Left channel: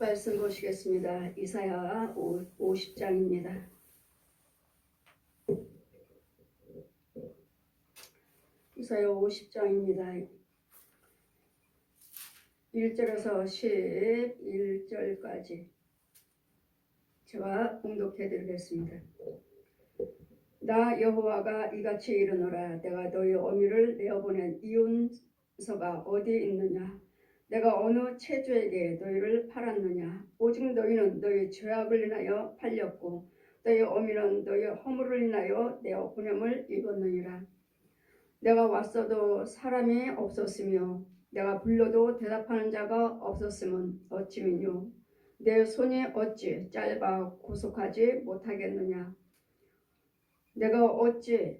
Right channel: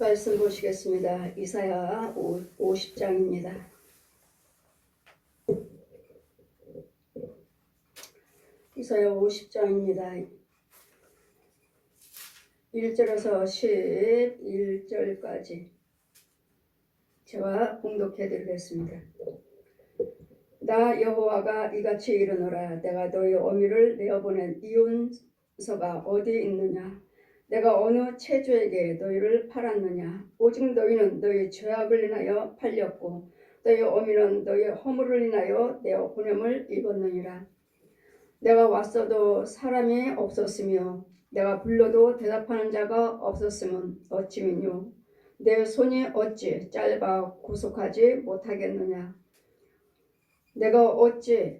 말씀 보시겠습니다. 이사야 50장입니다. 이사야 50장입니다. 1절에서 11절까지 제가 봉독해 드리겠습니다. 나 여호와가 이같이 이르노라. 내가 너희 어미를 내어보낸 이혼서가 어디 있느냐? 내가 어느 체주에게 너희를 팔았느냐? 오직 너희는 너희 죄악을 인하여 팔렸고 너희 어미는 너희 허물을 인하여 내어 보냄을 입었느니라. 내가 왔어도 사람이 없었으며 내가 불러도 대답하는 자가 없었음은 어찌미뇨? 내 손이 어찌 짧아 구속하지 못하겠느냐? 내가 어찌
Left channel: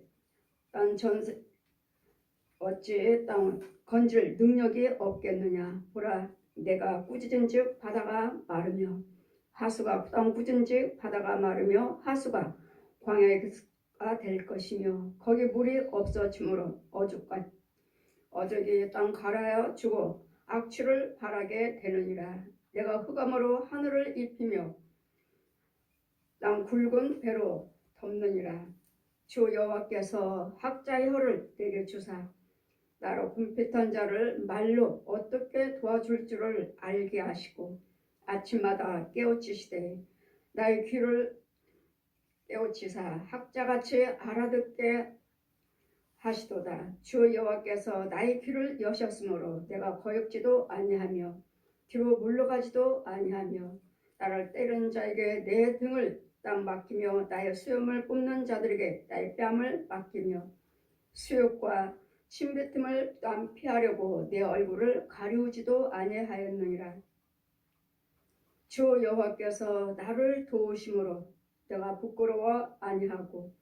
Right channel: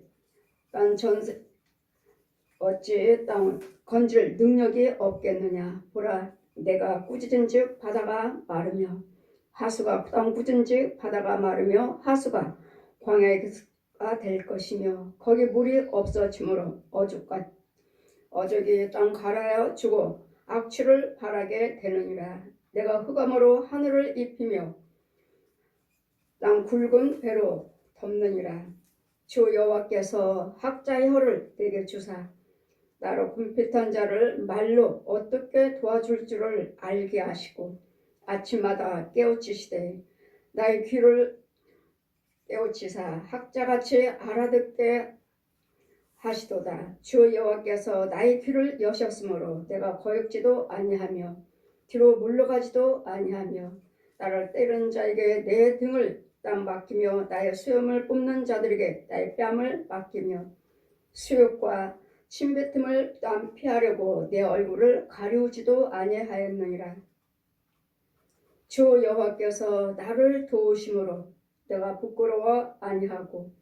땅 건질 능력이 없겠느냐? 보라, 내가 꾸짖은즉 바다가 마르며 하수가 땅 꾸짖은즉 바다가 마르며 하수가 광야가 될 것이며 거기 물이 없어지므로 어족이 땅 가라앉아 주고 악취를 바라게 되느니라. 내가 흑암으로 하늘을 입히며 땅 굵은 배로 덮느니라. 주 여호와께서 학자의 혀를 내게 주사 나로 궁핍한 자를 말로 어떻게 도와줄 줄을 알게 하시고 아침마다 깨우치시되 나의 귀를 깨우치사 학자같이 알아듣게 하시도다. 주 여호와께서 나의 귀를 여셨으므로 내가 거역지도 아니하며 뒤로 물러가지도 아니하며 나를 때리는 자에게 내 등을 땅 맡기며 나의 수염을 뽑는 자들에게 나의 뺨을 맡기며 수욕과 침뱉음을 또한 피하려고 내 얼굴을 가리우지도 아니하였느니라. 주 여호와께서 나를 도우심으로 내가 부끄러워 아니하고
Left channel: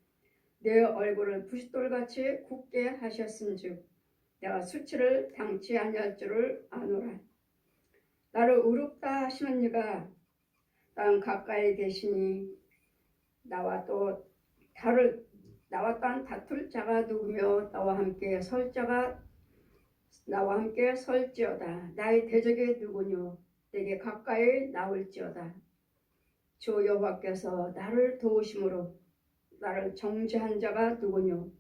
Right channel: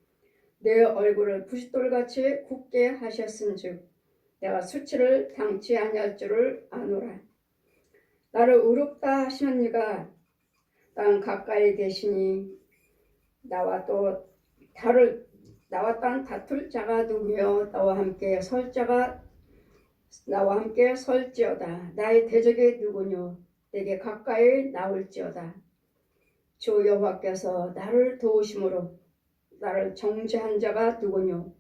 내 얼굴을 부싯돌같이 굳게 하셨은즉 내가 수치를 당치 아니할 줄을 아노라. 나를 의롭다 하시는 이가 땅 가까이 계시니 나와 땅 다툴 자가 누구며 나와 함께 설지어다. 나의 대적이 누구뇨? 내게 가까이 나올지어다. 주 여호와께서 나를 도우심으로 나를 정죄한 자가 누구뇨?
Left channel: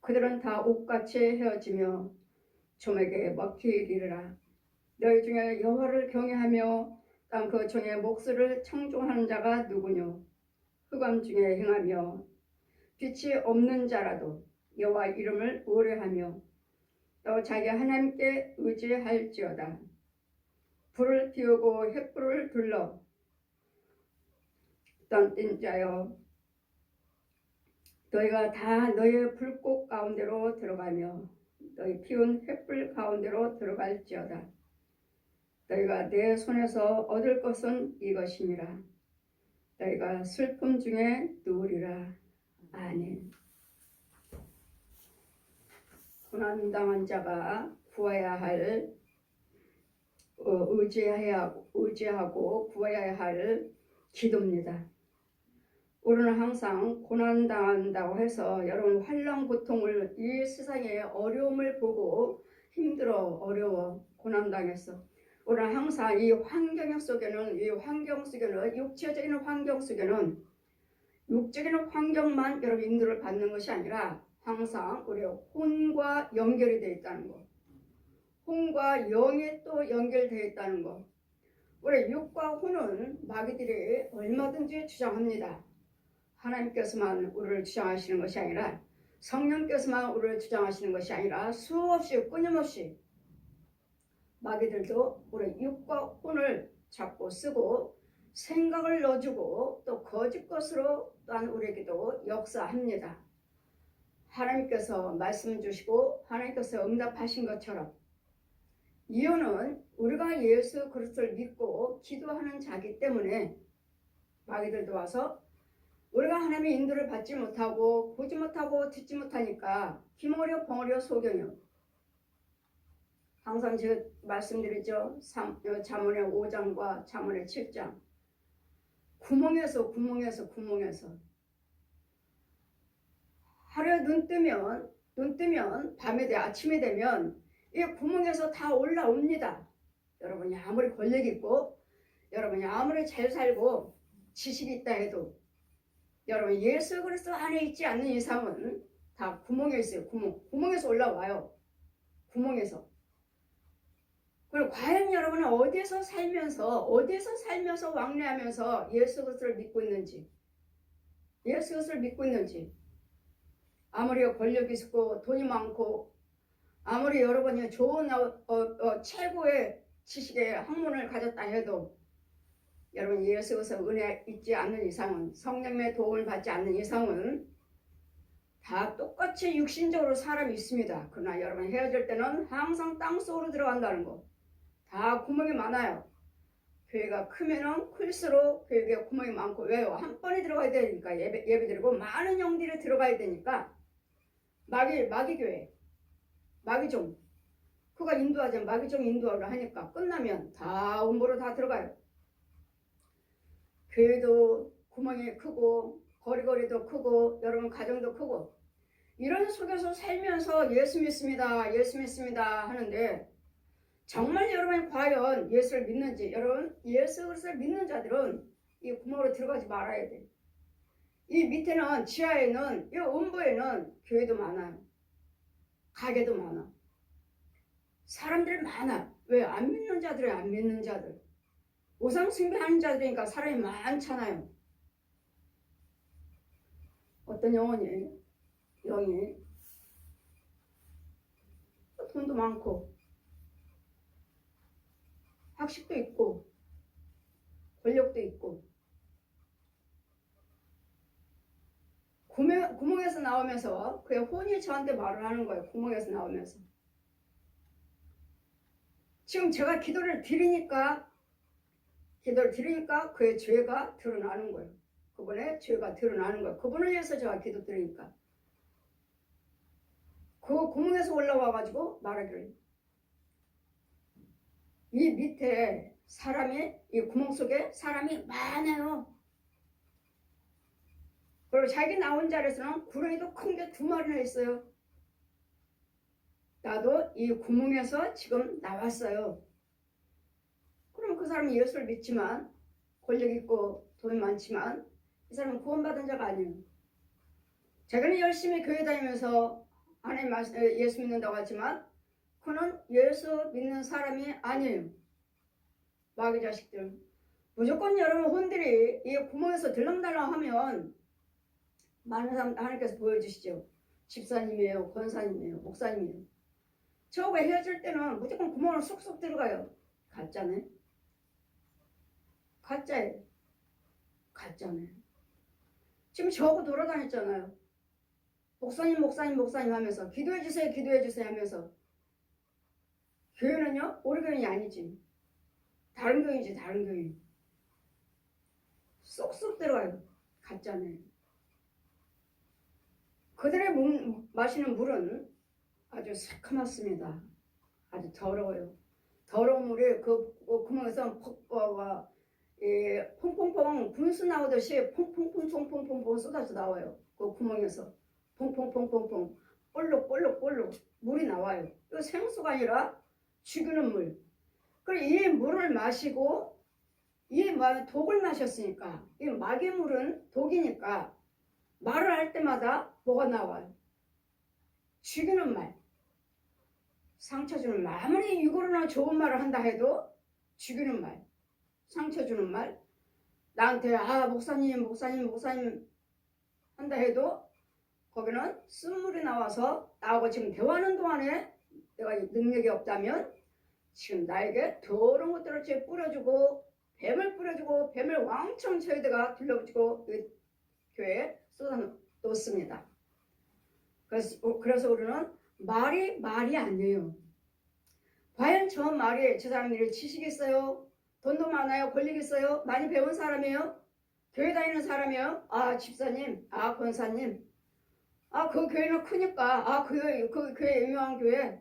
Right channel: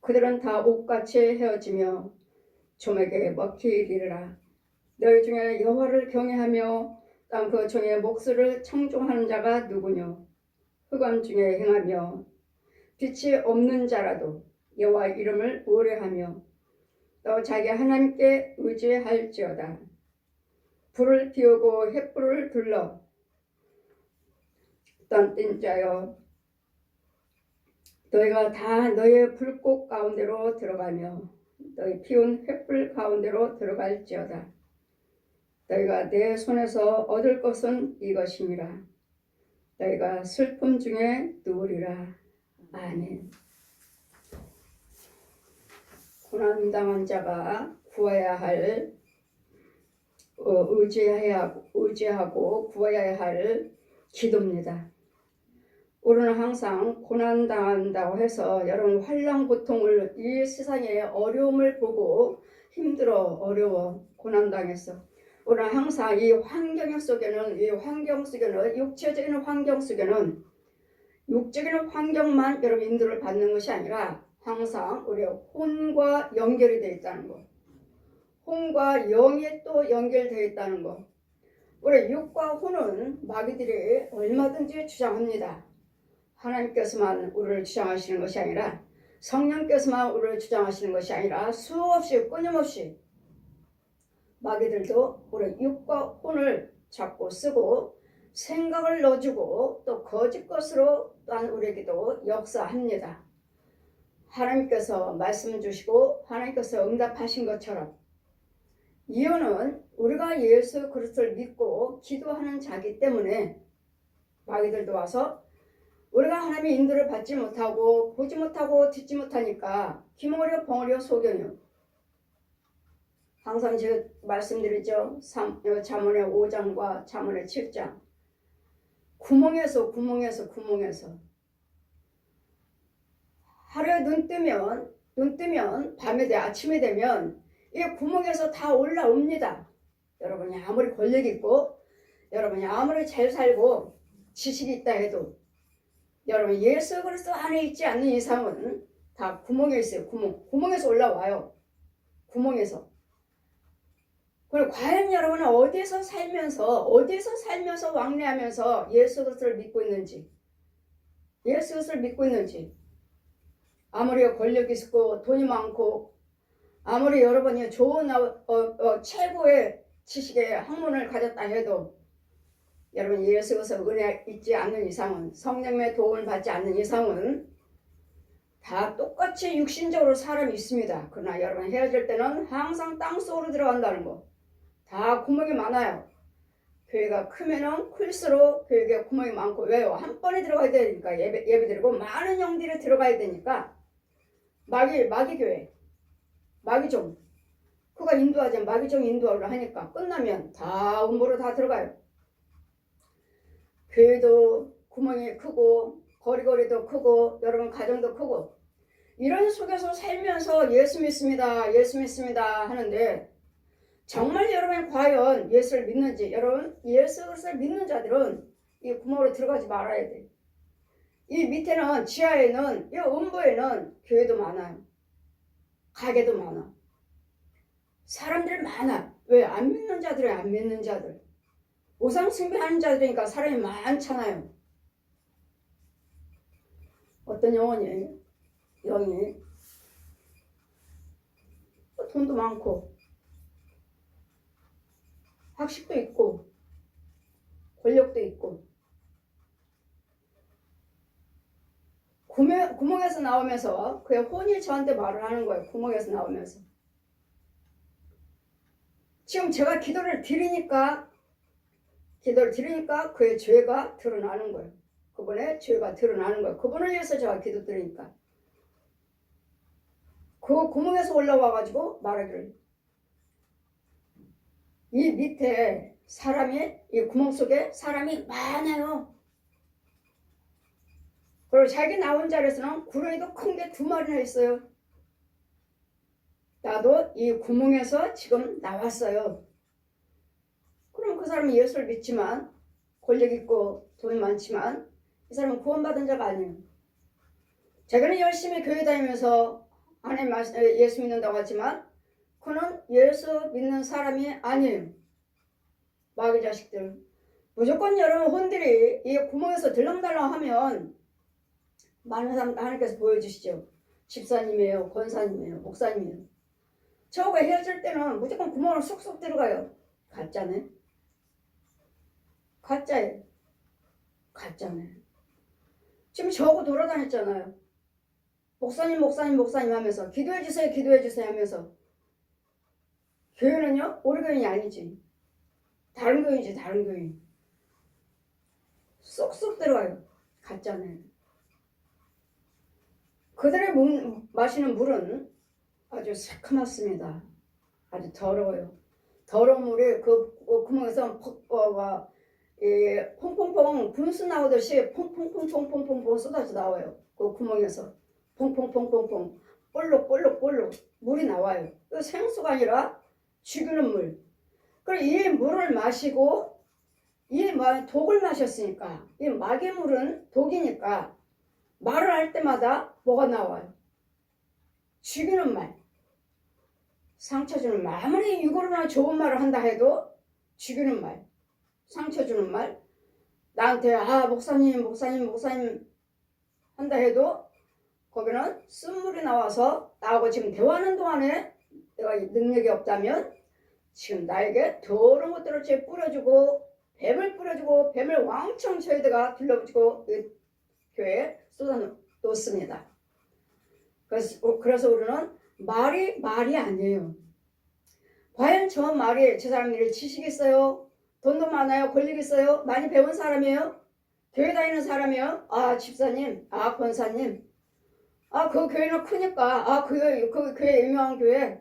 그들은 다 옥같이 헤어지며 좀에게 먹히리라. 너희 중에 여호와를 경외하며 땅 그 종의 몫을 청종하는 자가 누구뇨? 흑암 중에 행하며 빛이 없는 자라도 여호와 이름을 오래하며 또 자기 하나님께 의지할지어다. 불을 피우고 횃불을 둘러 떤뛴 자여, 너희가 다 너희의 불꽃 가운데로 들어가며 너희 피운 횃불 가운데로 들어갈지어다. 너희가 내 손에서 얻을 것은 이것임이라. 너희가 슬픔 중에 누우리라. 아멘. 고난당한 자가 구해야 할 의지하고 구해야 할 기도입니다. 우리는 항상 고난당한다고 해서 여러분 환난 고통을 이 세상의 어려움을 보고 힘들어 어려워 고난당했어. 우리는 항상 이 환경 속에는 육체적인 환경 속에는 육적인 환경만 여러분 인도를 받는 것이 아니라 항상 우리의 혼과 연결이 되어 있다는 것, 혼과 영이 또 연결되어 있다는 것. 우리 육과 혼은 마귀들이 얼마든지 주장합니다. 하나님께서만 우리를 주장하시는 것이 아니라 성령께서만 우리를 주장하시는 것이 아니라 수없이 끊임없이 마귀들도 우리 육과 혼을 잡고 쓰고 생각을 넣어주고 또 거짓 것으로 또한 우리에게도 역사합니다. 하나님께서 말씀 주시고 하나님께서 응답하신 것처럼 이유는 우리가 예수 그리스도를 믿고 기도하는 자기 때문에 마귀들도 와서 우리가 하나님의 인도를 받지 못하고 보지 못하고 듣지 못하니까 기머리요 벙어리요 소견이요. 항상 제가 말씀드리죠. 잠언의 5장과 잠언의 7장. 구멍에서 하루에 눈 뜨면 밤에 아침에 되면 이 구멍에서 다 올라옵니다. 여러분이 아무리 권력 있고 여러분이 아무리 잘 살고 지식이 있다 해도 여러분 예수 그리스도 안에 있지 않는 이상은 다 구멍에 있어요. 구멍에서 올라와요. 구멍에서. 그리고 과연 여러분은 어디서 살면서 왕래하면서 예수 그리스도를 믿고 있는지, 예수 그리스도를 믿고 있는지. 아무리 권력이 있고 돈이 많고 아무리 여러분이 좋은 최고의 지식의 학문을 가졌다 해도 여러분 예수 그리스도 은혜 있지 않는 이상은, 성령의 도움을 받지 않는 이상은 다 똑같이 육신적으로 사람이 있습니다. 그러나 여러분 헤어질 때는 항상 땅속으로 들어간다는 거. 다 구멍이 많아요. 교회가 크면은 클수록 교회에 구멍이 많고, 왜요? 한 번에 들어가야 되니까 예배드리고 많은 영들이 들어가야 되니까. 마귀 교회, 마귀종, 그가 인도하지, 마귀종 인도를 하니까 끝나면 다 음보로 다 들어가요. 교회도 구멍이 크고 거리도 크고 여러분 가정도 크고 이런 속에서 살면서 예수 믿습니다 하는데 정말 여러분이 과연 예수를 믿는지, 여러분 예수 그리스도를 믿는 자들은 이 구멍으로 들어가지 말아야 돼. 이 밑에는, 지하에는, 이 음부에는 교회도 많아요. 가게도 많아. 사람들 많아. 왜? 안 믿는 자들은 안 믿는 자들. 우상 숭배하는 자들이니까 사람이 많잖아요. 어떤 영이 돈도 많고 학식도 있고 권력도 있고 구멍에서 나오면서 그의 혼이 저한테 말을 하는 거예요. 구멍에서 나오면서. 지금 제가 기도를 드리니까 그의 죄가 드러나는 거예요. 그분의 죄가 드러나는 거예요. 그분을 위해서 제가 기도 드리니까. 그 구멍에서 올라와가지고 말하기를, 이 밑에 이 구멍 속에 사람이 많아요. 그리고 자기 나온 자리에서는 구렁이도 큰 게 2마리나 있어요. 나도 이 구멍에서 지금 나왔어요. 그럼 그 사람은 예수를 믿지만, 권력 있고 돈이 많지만 이 사람은 구원받은 자가 아니에요. 자기는 열심히 교회 다니면서 하나님 예수 믿는다고 하지만 그는 예수 믿는 사람이 아니에요. 마귀 자식들. 무조건 여러분 혼들이 이 구멍에서 들렁달렁하면 많은 사람 하나님께서 보여주시죠. 집사님이에요, 권사님이에요, 목사님이에요. 저하고 헤어질 때는 무조건 구멍을 쏙쏙 들어가요. 가짜네. 가짜예요. 가짜네. 지금 저하고 돌아다녔잖아요. 목사님 하면서 기도해주세요 하면서. 교회는요, 우리 교인이 아니지. 다른 교인이지, 다른 교인. 쏙쏙 들어가요. 가짜네. 그들의 마시는 물은 아주 새카맣습니다. 아주 더러워요. 더러운 물이 그 구멍에서 퐁퐁퐁 분수 나오듯이 퐁퐁퐁 쏟아져 나와요. 그 구멍에서 퐁퐁퐁 볼록 물이 나와요. 그 생수가 아니라 죽이는 물. 그리고 이 물을 마시고 이 독을 마셨으니까, 이 마귀 물은 독이니까 말을 할 때마다 뭐가 나와요? 죽이는 말, 상처 주는 말. 아무리 육으로나 좋은 말을 한다 해도 죽이는 말, 상처 주는 말. 나한테 목사님 한다 해도 거기는 쓴물이 나와서 나하고 지금 대화하는 동안에 내가 능력이 없다면 지금 나에게 더러운 것들을 뿌려주고 뱀을 왕창 저희들가 둘러붙이고 교회에 쏟아놓습니다. 그래서 우리는 말이 아니에요. 과연 저 말이, 저 사람들이 지식 있어요? 돈도 많아요? 권력 있어요? 많이 배운 사람이에요? 교회 다니는 사람이에요? 집사님, 권사님, 그 교회는 크니까, 그 교회 유명한 교회.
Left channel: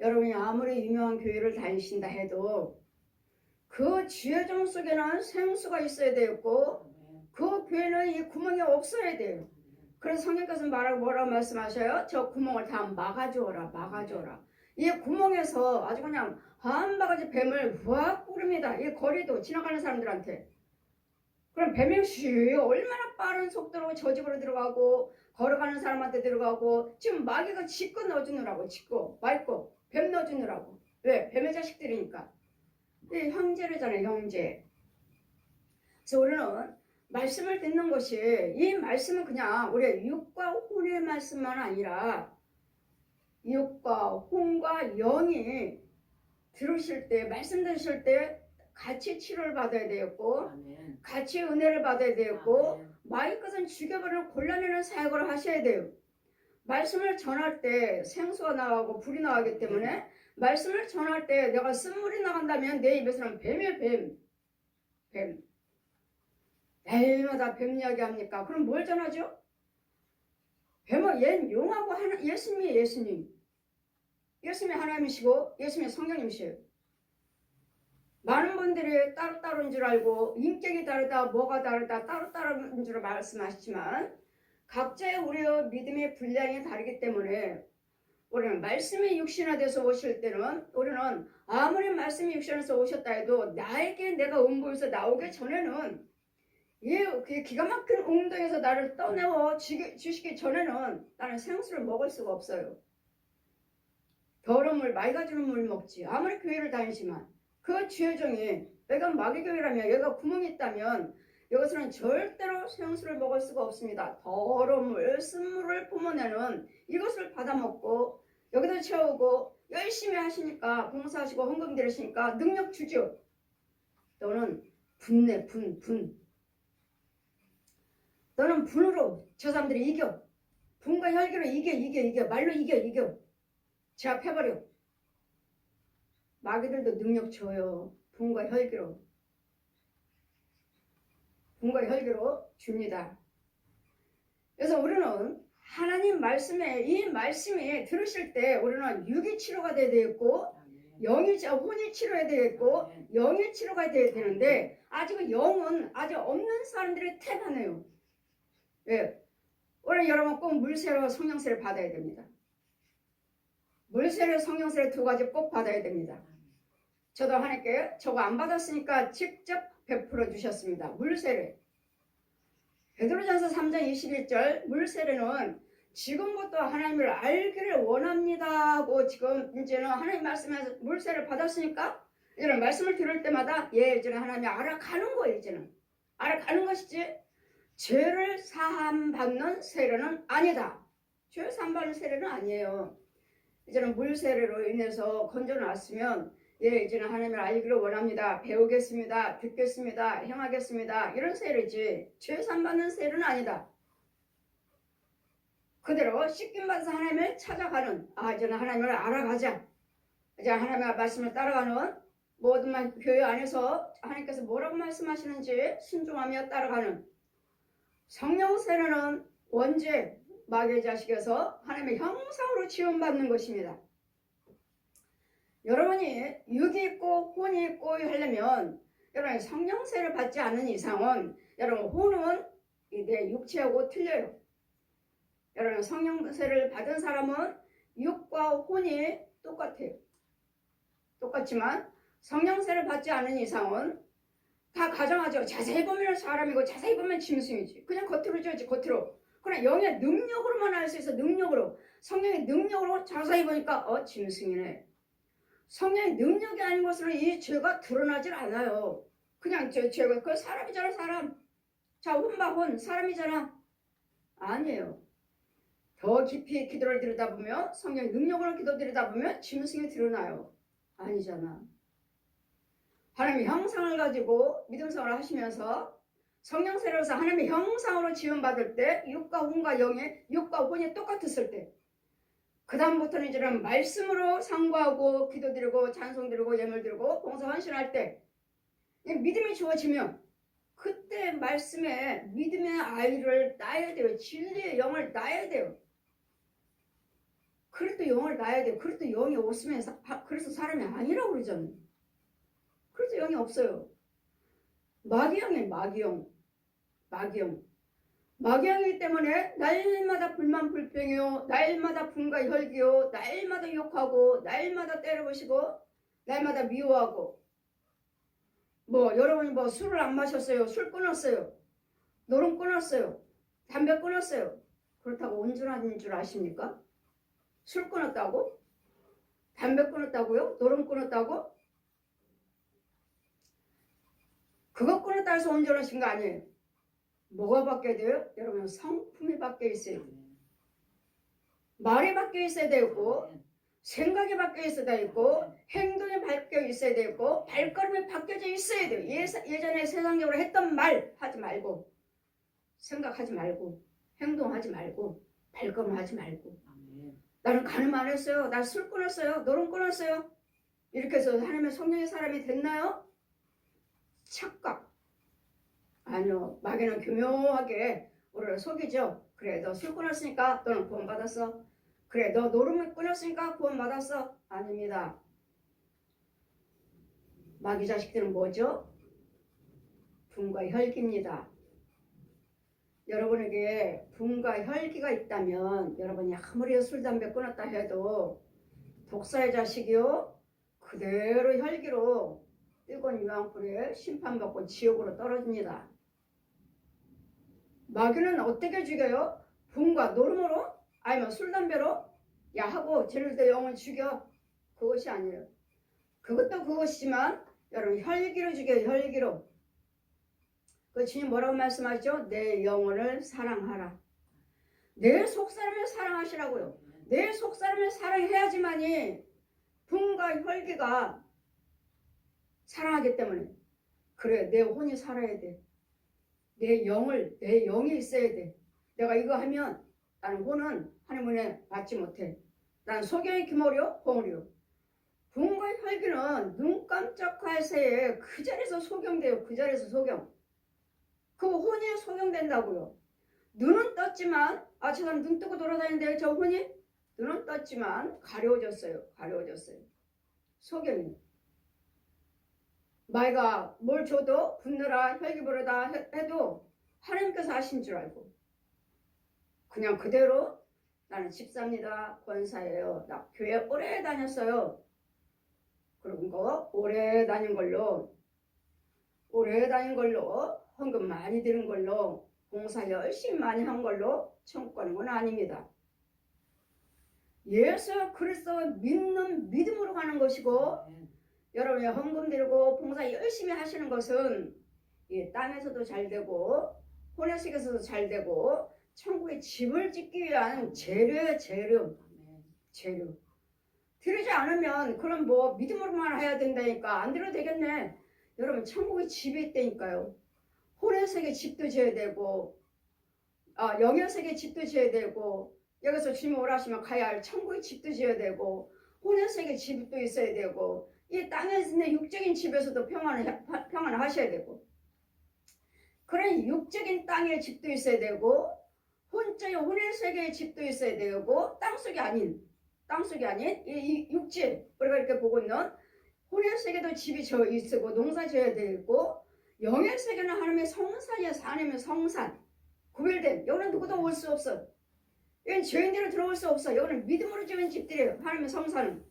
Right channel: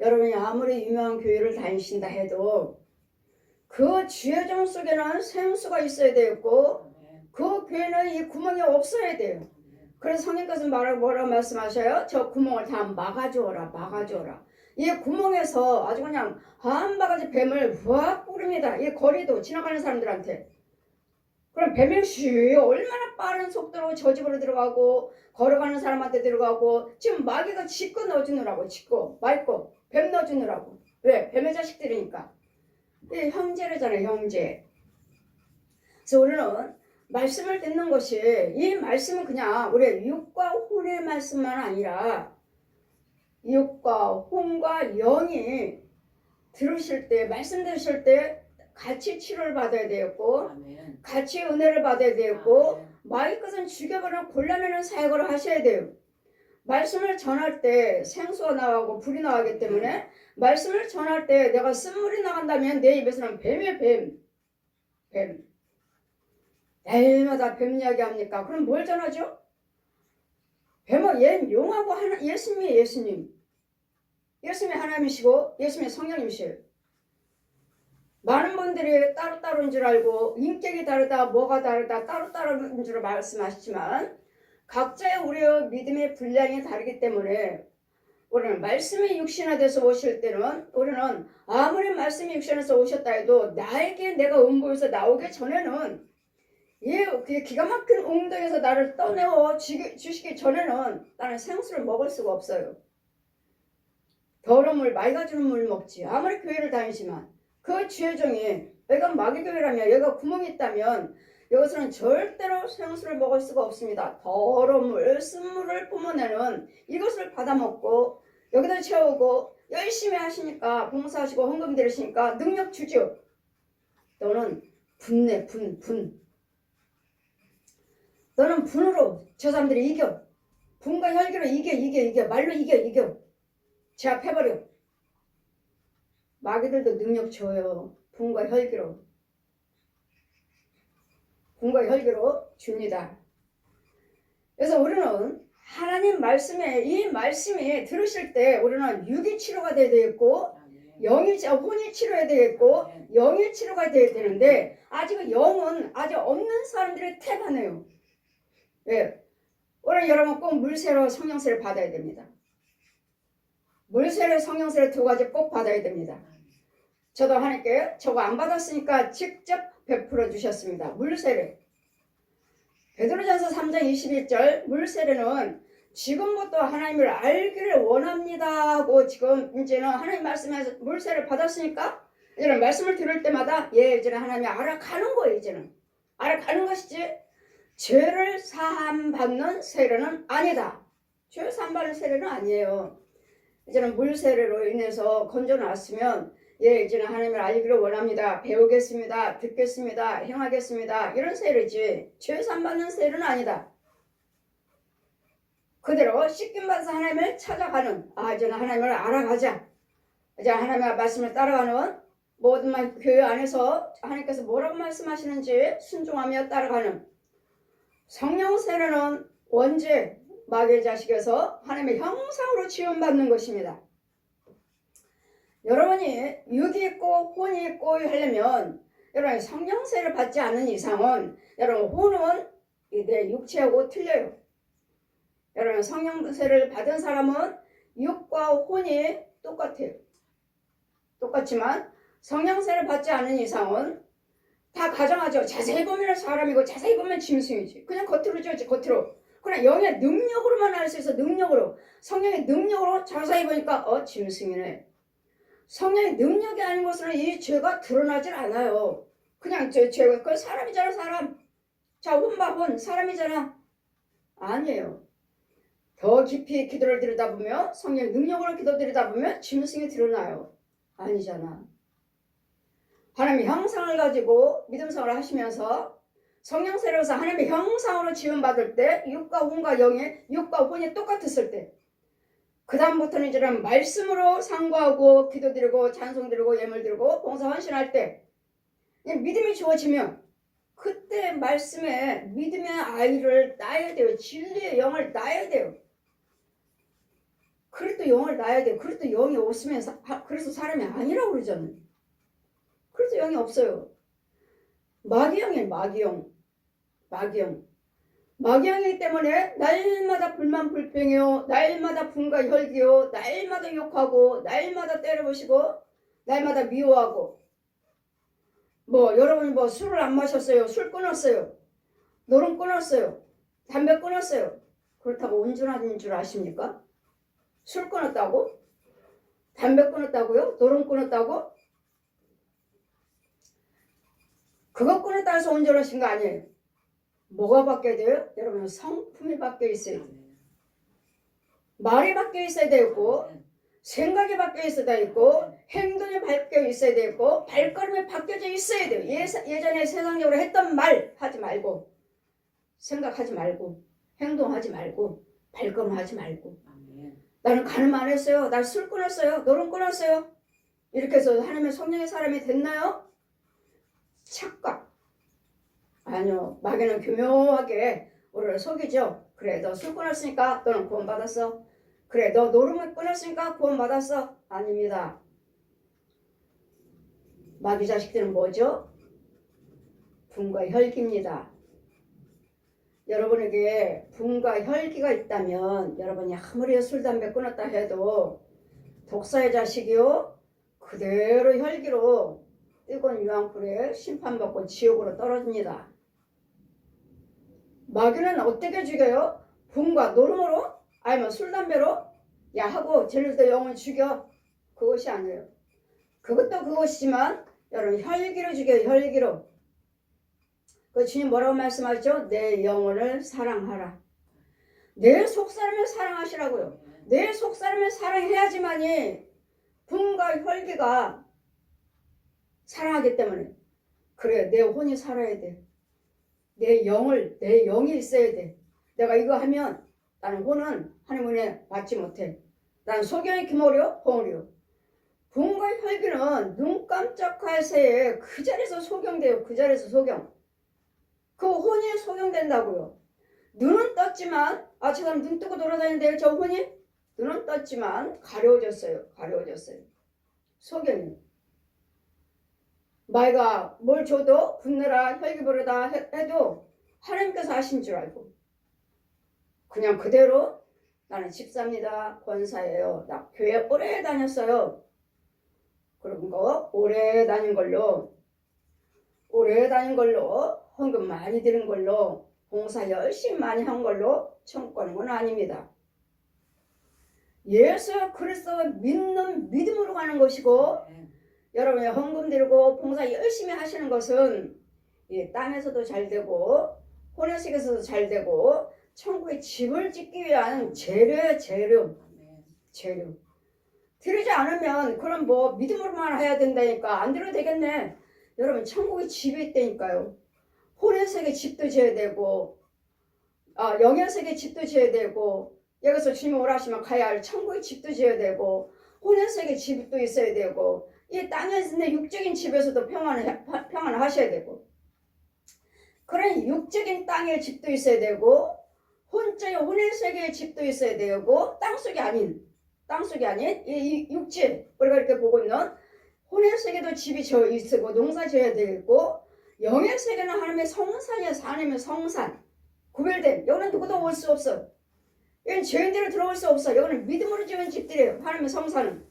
여러분이 아무리 유명한 교회를 다니신다 해도 그 지혜정 속에는 생수가 있어야 되고 그 교회는 이 구멍이 없어야 돼요. 그래서 성령께서 뭐라 말씀하셔요? 저 구멍을 다 막아주어라. 이 구멍에서 아주 그냥 한 바가지 뱀을 확 뿌립니다. 이 거리도 지나가는 사람들한테. 그럼 뱀이 얼마나 빠른 속도로 저 집으로 들어가고 걸어가는 사람한테 들어가고 지금 마귀가 짚고 넣어주느라고 짚고 맑고 뱀 넣어주느라고. 왜? 뱀의 자식들이니까. 이 형제래잖아요. 형제. 그래서 우리는 말씀을 듣는 것이 이 말씀은 그냥 우리의 육과 혼의 말씀만 아니라 육과 혼과 영이 들으실 때 말씀 들으실 때 같이 치료를 받아야 되었고 아멘. 같이 은혜를 받아야 되었고 아멘. 마귀 것은 죽여버려 골라내는 사역을 하셔야 돼요. 말씀을 전할 때 생수가 나가고 불이 나가기 때문에 말씀을 전할 때 내가 쓴물이 나간다면 내 입에서는 뱀이에요. 뱀. 매일마다 뱀 이야기 합니까? 그럼 뭘 전하죠? 뱀은 용하고 예수님이에요. 예수님이 하나님이시고 예수님이 성령님이시에요. 많은 분들이 따로따로인 줄 알고 인격이 다르다 뭐가 다르다 따로따로인 줄 말씀하시지만 각자의 우리의 믿음의 분량이 다르기 때문에 우리는 말씀이 육신화돼서 오실 때는 우리는 아무리 말씀이 육신화돼서 오셨다 해도 나에게 내가 음보에서 나오기 전에는 이 기가 막힌 웅덩이에서 나를 떠내어 주시기 전에는 나는 생수를 먹을 수가 없어요. 더러운 물 맑아 주는 물 먹지. 아무리 교회를 다니지만 그 죄종이 여기가 마귀교회라면 여기가 구멍이 있다면 이것은 절대로 생수를 먹을 수가 없습니다. 더러운 물, 쓴물을 뿜어내는 이것을 받아먹고 여기다 채우고 열심히 하시니까 봉사하시고 헌금 들으시니까 능력 주죠. 너는 분내 분. 너는 분으로 저 사람들이 이겨. 분과 혈기로 이겨. 말로 이겨. 제압해버려. 마귀들도 능력 줘요. 분과 혈기로 줍니다. 그래서 우리는 하나님 말씀에 이 말씀이 들으실 때 우리는 육이 치료가 돼야 되겠고 혼이 치료해야 되겠고 영이 치료가 돼야 되는데 아직은 영은 아직 없는 사람들이 태반해요. 왜? 우리는 여러분 꼭 물세로 성령세를 받아야 됩니다. 물세례 성령세례 두 가지 꼭 받아야 됩니다. 저도 하나님께 저거 안 받았으니까 직접 베풀어 주셨습니다. 물세례. 베드로전서 3장 21절 물세례는 지금부터 하나님을 알기를 원합니다 하고 지금 이제는 하나님 말씀에서 물세례를 받았으니까 이제는 말씀을 들을 때마다 이제는 하나님이 알아가는 거예요. 이제는 알아가는 것이지 죄를 사함받는 세례는 아니다. 죄 사함받는 세례는 아니에요. 이제는 물세례로 인해서 건져놨으면 이제는 하나님을 알기를 원합니다. 배우겠습니다. 듣겠습니다. 행하겠습니다. 이런 세례지 죄 사함받는 세례는 아니다. 그대로 씻김받아서 하나님을 찾아가는 이제는 하나님을 알아가자. 이제 하나님의 말씀을 따라가는 모든 교회 안에서 하나님께서 뭐라고 말씀하시는지 순종하며 따라가는 성령 세례는 원죄 마귀의 자식에서 하나님의 형상으로 지원받는 것입니다. 여러분이 육이 있고 혼이 있고 하려면 여러분 성령세를 받지 않는 이상은 여러분 혼은 내 육체하고 틀려요. 여러분 성령세를 받은 사람은 육과 혼이 똑같아요. 똑같지만 성령세를 받지 않은 이상은 다 가정하죠. 자세히 보면 사람이고 자세히 보면 짐승이지. 그냥 겉으로 지었지 겉으로. 그러나 영의 능력으로만 알 수 있어. 능력으로. 성령의 능력으로 자세히 보니까 짐승이네. 성령의 능력이 아닌 것은 이 죄가 드러나질 않아요. 그냥 죄가 그 사람이잖아 사람. 자 혼바 혼 사람이잖아. 아니에요. 더 깊이 기도를 들여다보면 성령의 능력으로 기도드리다 보면 짐승이 드러나요. 아니잖아. 하나님의 형상을 가지고 믿음생활을 하시면서 성령세례로서 하나님의 형상으로 지음받을 때 육과 혼과 영의 육과 혼이 똑같았을 때 그 다음부터는 이제는 말씀으로 상고하고 기도드리고 찬송드리고 예물드리고 봉사 헌신할 때 믿음이 주어지면 그때 말씀에 믿음의 아이를 낳아야 돼요. 진리의 영을 낳아야 돼요. 그래도 영을 낳아야 돼요. 그래도 영이 없으면 그래서 사람이 아니라고 그러잖아요. 그래서 영이 없어요. 마귀영이에요. 마귀영. 마귀이기 때문에 날마다 불만 불평이요, 날마다 분과 혈기요, 날마다 욕하고, 날마다 때려부시고, 날마다 미워하고. 뭐 여러분이 뭐 술을 안 마셨어요, 술 끊었어요, 노름 끊었어요, 담배 끊었어요. 그렇다고 온전한 줄 아십니까? 술 끊었다고? 담배 끊었다고요? 노름 끊었다고? 그거 끊었다 해서 온전하신 거 아니에요. 뭐가 바뀌어야 돼요? 여러분 성품이 바뀌어 있어야 돼요. 말이 바뀌어 있어야 되고, 생각이 바뀌어 있어야 되고, 행동이 바뀌어 있어야 되고, 발걸음이 바뀌어져 있어야 돼요. 예전에 세상적으로 했던 말 하지 말고, 생각하지 말고, 행동하지 말고, 발걸음하지 말고. 나는 간음 안 했어요. 나 술 끊었어요. 노름 끊었어요. 이렇게 해서 하나님의 성령의 사람이 됐나요? 착각. 아니요. 마귀는 교묘하게 우리를 속이죠. 그래, 너 술 끊었으니까 너는 구원받았어. 그래, 너 노름을 끊었으니까 구원받았어. 아닙니다. 마귀 자식들은 뭐죠? 분과 혈기입니다. 여러분에게 분과 혈기가 있다면 여러분이 아무리 술, 담배 끊었다 해도 독사의 자식이요, 그대로 혈기로 뜨거운 유황불에 심판받고 지옥으로 떨어집니다. 마귀는 어떻게 죽여요? 분과 노름으로? 아니면 술, 담배로? 야 하고 쟤네들 영혼 죽여. 그것이 아니에요. 그것도 그것이지만 여러분 혈기로 죽여요. 혈기로. 그 주님 뭐라고 말씀하시죠? 내 영혼을 사랑하라. 내 속사람을 사랑하시라고요. 내 속사람을 사랑해야지만이 분과 혈기가 사랑하기 때문에. 그래, 내 혼이 살아야 돼. 내 영이 있어야 돼. 내가 이거 하면 나는 혼은 하나님 은혜 받지 못해. 나는 소경이 기모려 홍으려. 분과 혈기는 눈 깜짝할 새에 그 자리에서 소경돼요. 그 자리에서 소경. 그 혼이 소경된다고요. 눈은 떴지만, 아 제가 눈 뜨고 돌아다니는데 저 혼이? 눈은 떴지만 가려워졌어요. 가려워졌어요. 소경이. 마귀가 뭘 줘도 분노라 혈기 부르다 해도 하나님께서 하신 줄 알고 그냥 그대로 나는 집사입니다. 권사예요. 나 교회 오래 다녔어요. 그런 거 오래 다닌 걸로 헌금 많이 드린 걸로 봉사 열심히 많이 한 걸로 천국 가는 건 아닙니다. 예수 그리스도 믿는 믿음으로 가는 것이고 여러분이 헌금 드리고 봉사 열심히 하시는 것은 이 땅에서도 잘 되고 혼외식에서도 잘 되고 천국에 집을 짓기 위한 재료예요. 재료. 드리지 않으면 그럼 뭐 믿음으로만 해야 된다니까 안 드려도 되겠네. 여러분 천국에 집이 있다니까요. 혼외sek에 집도 지어야 되고 영현sek에 집도 지어야 되고 여기서 주님 오라 하시면 가야 할 천국에 집도 지어야 되고 혼외sek에 집도 있어야 되고 이 땅에서 있는 육적인 집에서도 평안을 하셔야 되고 그런 육적인 땅에 집도 있어야 되고 혼의 세계의 집도 있어야 되고 땅속이 아닌 이 육지 우리가 이렇게 보고 있는 혼의 세계도 집이 져 있고 농사 지어야 되고 영의 세계는 하나님의 성산이어서 하나님의 성산 구별된 여기는 누구도 올 수 없어. 여기는 죄인들은 들어올 수 없어. 여기는 믿음으로 지은 집들이에요. 하나님의 성산은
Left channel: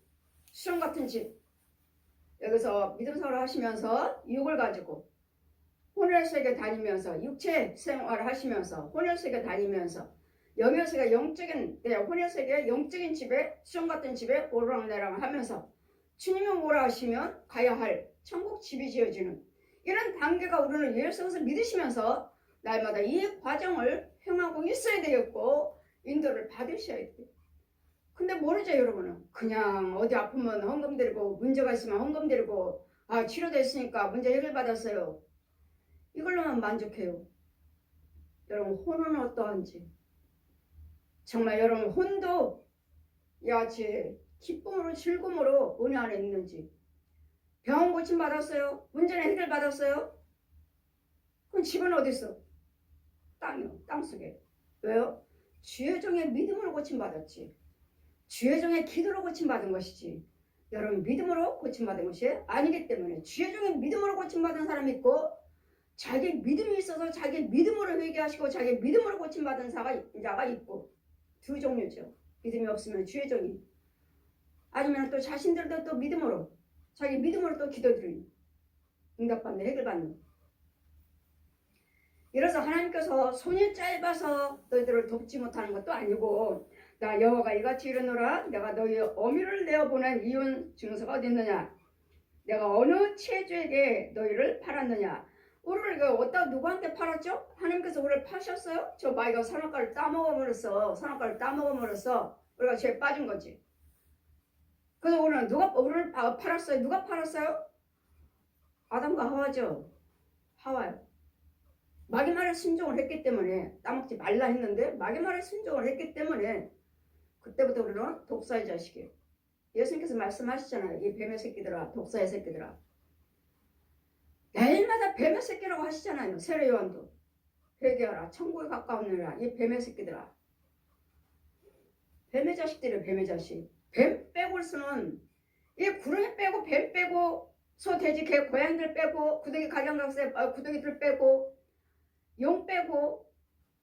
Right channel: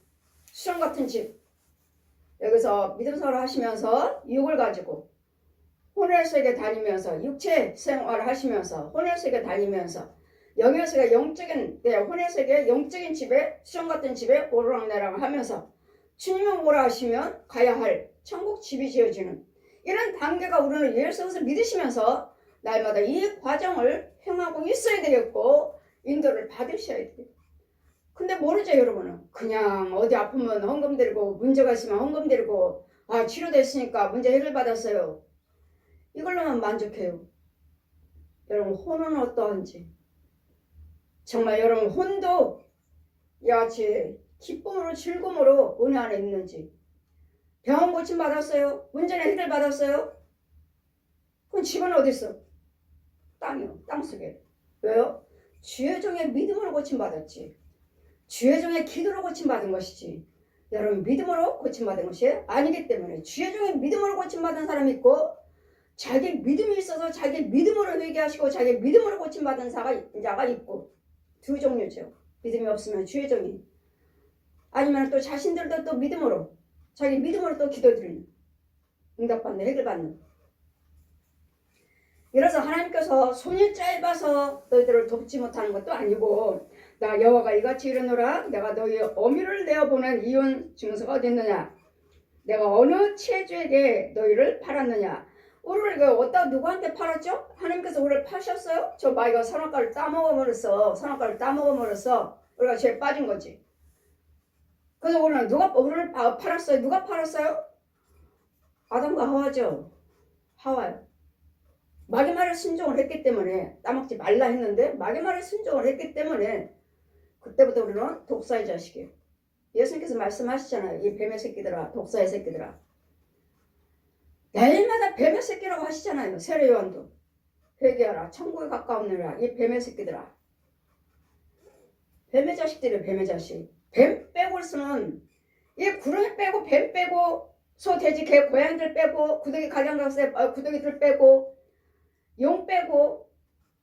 수정 같은 집. 여기서 믿음생활을 하시면서 육을 가지고 혼의 세계 다니면서 육체 생활을 하시면서 혼의 세계 다니면서 영의 세계 영적인 혼의 세계 영적인 집에 수정 같은 집에 오르락내락 하면서 주님은 오라 하시면 가야 할 천국 집이 지어지는 이런 단계가 우리는 예수를 믿으시면서 날마다 이 과정을 행하고 있어야 되겠고 인도를 받으셔야 돼요. 근데 모르죠 여러분은. 그냥 어디 아프면 헌금 드리고 문제가 있으면 헌금 드리고 치료됐으니까 문제 해결받았어요. 이걸로만 만족해요. 여러분 혼은 어떠한지 정말 여러분 혼도 야같이 기쁨으로 즐거움으로 은혜 안에 있는지 병원 고침 받았어요? 문제는 해결받았어요? 그럼 집은 어디 있어? 땅이요. 땅속에. 왜요? 주의 종의 믿음으로 고침받았지. 주의 종의 기도로 고침받은 것이지. 여러분 믿음으로 고침받은 것이 아니기 때문에 주의 종의 믿음으로 고침받은 사람이 있고 자기 믿음이 있어서 자기 믿음으로 회개하시고 자기 믿음으로 고침받은 자가 있고 두 종류죠. 믿음이 없으면 주의종이, 아니면 또 자신들도 또 믿음으로 자기 믿음으로 또 기도드리는, 응답받는, 해결받는. 이래서 하나님께서 손이 짧아서 너희들을 돕지 못하는 것도 아니고, 나 여호와가 이같이 이르노라, 내가 너희의 어미를 내어보낸 이혼 증서가 어디 있느냐, 내가 어느 체주에게 너희를 팔았느냐. 우리를 어디다 누구한테 팔았죠? 하나님께서 우리를 파셨어요? 저 마이가 선악과를 따먹어버렸어. 선악과를 따먹어버렸어. 우리가 죄에 빠진 거지. 그래서 우리는 우리를 팔았어요? 누가 팔았어요? 아담과 하와죠. 하와요. 마귀 말에 순종을 했기 때문에, 따먹지 말라 했는데 마귀 말에 순종을 했기 때문에 그때부터 우리는 독사의 자식이에요. 예수님께서 말씀하시잖아요. 이 뱀의 새끼들아, 독사의 새끼들아. 날마다 뱀의 새끼라고 하시잖아요. 세례 요한도. 회개하라, 천국에 가까우느라 이 뱀의 새끼들아. 뱀의 자식들이에요. 뱀의 자식. 뱀 빼고 쓰는, 이 구렁이 빼고 뱀 빼고 소, 돼지, 개, 고양이들 빼고 구더기, 각양각색 구더기들 빼고 용 빼고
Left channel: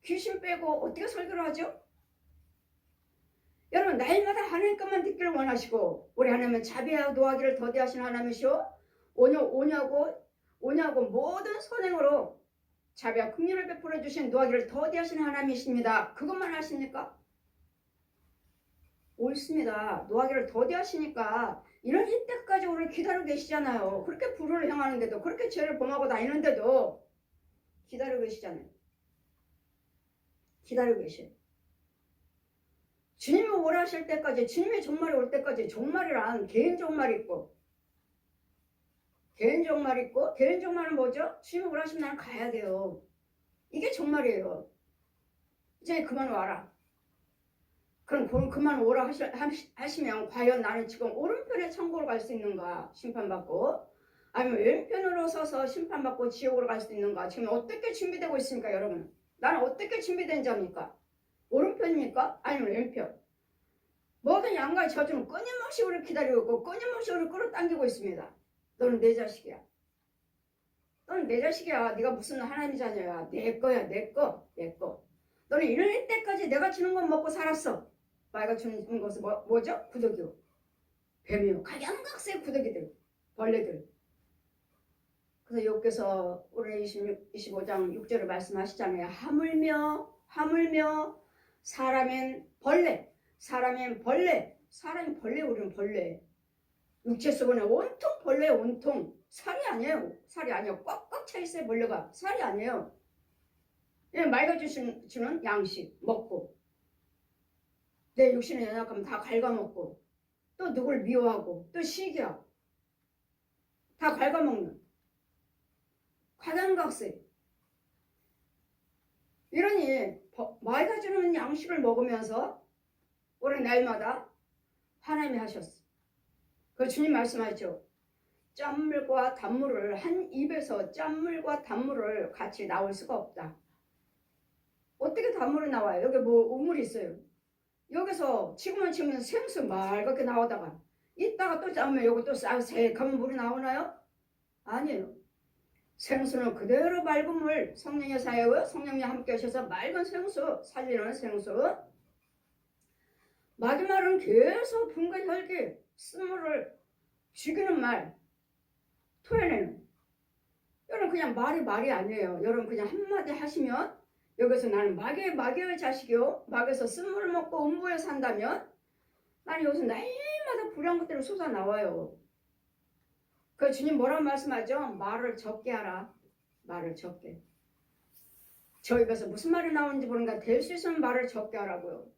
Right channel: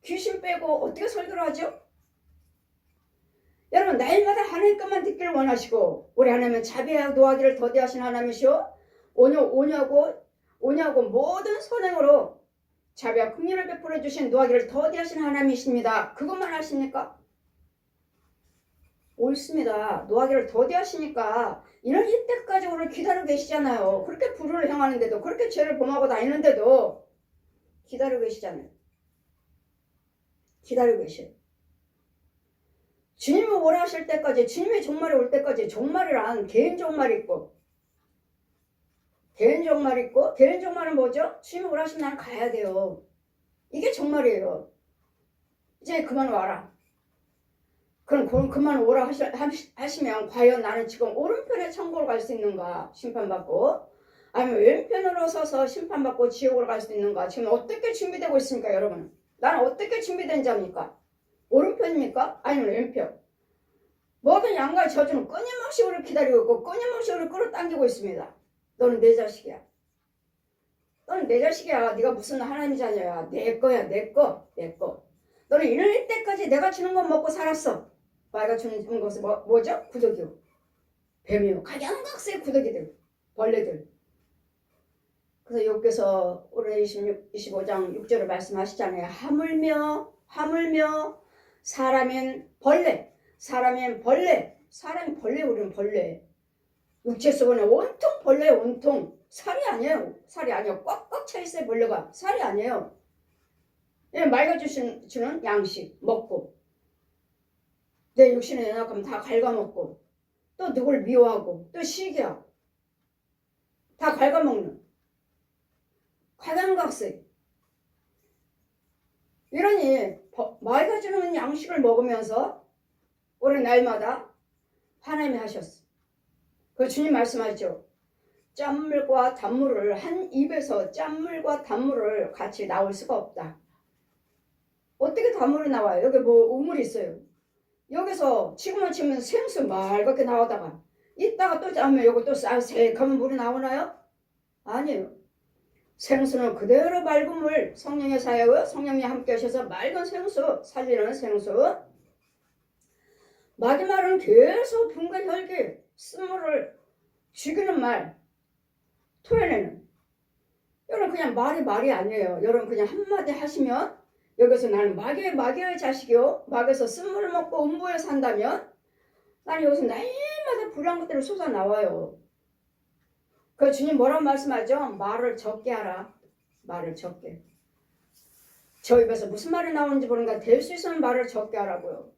귀신 빼고 어떻게 설교를 하죠? 여러분, 날마다 하나님 것만 듣기를 원하시고, 우리 하나님은 자비와 노하기를 더디하신 하나님이시오. 오냐고 모든 선행으로 자비와 긍휼을 베풀어 주신 노하기를 더디하신 하나님이십니다. 그것만 하십니까? 옳습니다. 노하기를 더디하시니까 이런 이때까지 우리를 기다리고 계시잖아요. 그렇게 불을 향하는데도, 그렇게 죄를 범하고 다니는데도 기다리고 계시잖아요. 기다리고 계셔요. 주님이 오라 하실 때까지, 주님의 종말이 올 때까지, 종말이란 개인 종말이 있고, 개인 종말은 뭐죠? 주님이 오라 하시면 나는 가야 돼요. 이게 종말이에요. 이제 그만 와라. 그럼 그만 오라 하시면 과연 나는 지금 오른편에 천국으로 갈 수 있는가? 심판받고. 아니면 왼편으로 서서 심판받고 지옥으로 갈 수 있는가? 지금 어떻게 준비되고 있습니까, 여러분? 나는 어떻게 준비된 자입니까? 오른편입니까? 아니면 왼편? 모든 양가의 저주는 끊임없이 우리를 기다리고 있고 끊임없이 우리를 끌어당기고 있습니다. 너는 내 자식이야. 너는 내 자식이야. 네가 무슨 하나님 자녀야. 내 거야. 내 거. 너는 이럴 때까지 내가 주는 건 먹고 살았어. 마귀가 주는 것은 뭐죠? 구더기요. 뱀이요. 각양각색 구더기들. 벌레들. 그래서 여기서 올해 25장 6절을 말씀하시잖아요. 하물며 사람인 벌레. 사람이 벌레. 우리는 벌레. 육체 속에 온통 벌레, 온통. 살이 아니에요. 꽉꽉 차있어요. 벌레가. 살이 아니에요. 마귀가 주는 양식 먹고, 내 육신에 연약하면 다 갉아먹고, 또 누굴 미워하고, 또 시기하고, 다 갉아먹는 각양각색. 이러니 마귀가 주는 양식을 먹으면서 우리 날마다 하나님이 하셨어. 그 주님 말씀하시죠. 짠물과 단물을, 한 입에서 짠물과 단물을 같이 나올 수가 없다. 어떻게 단물이 나와요? 여기 우물이 있어요. 여기서 지금은 생수 맑게 나오다가 이따가 또 짜면 여기 또 새카만 물이 나오나요? 아니에요. 생수는 그대로 맑은 물, 성령의 사역을 성령이 함께 하셔서 맑은 생수, 살리는 생수. 마귀 말은 계속 붕괴 혈기, 쓴물을 죽이는 말, 토해내는. 여러분 그냥 말이 아니에요. 여러분 그냥 한마디 하시면 여기서 나는 마귀의 자식이요. 마귀에서 쓴물을 먹고 음부에 산다면 나는 여기서 날마다 불난 것들이 솟아 나와요. 그 주님 뭐라고 말씀하죠? 말을 적게 하라. 말을 적게. 저 입에서 무슨 말이 나오는지 모르니까 될 수 있으면 말을 적게 하라고요.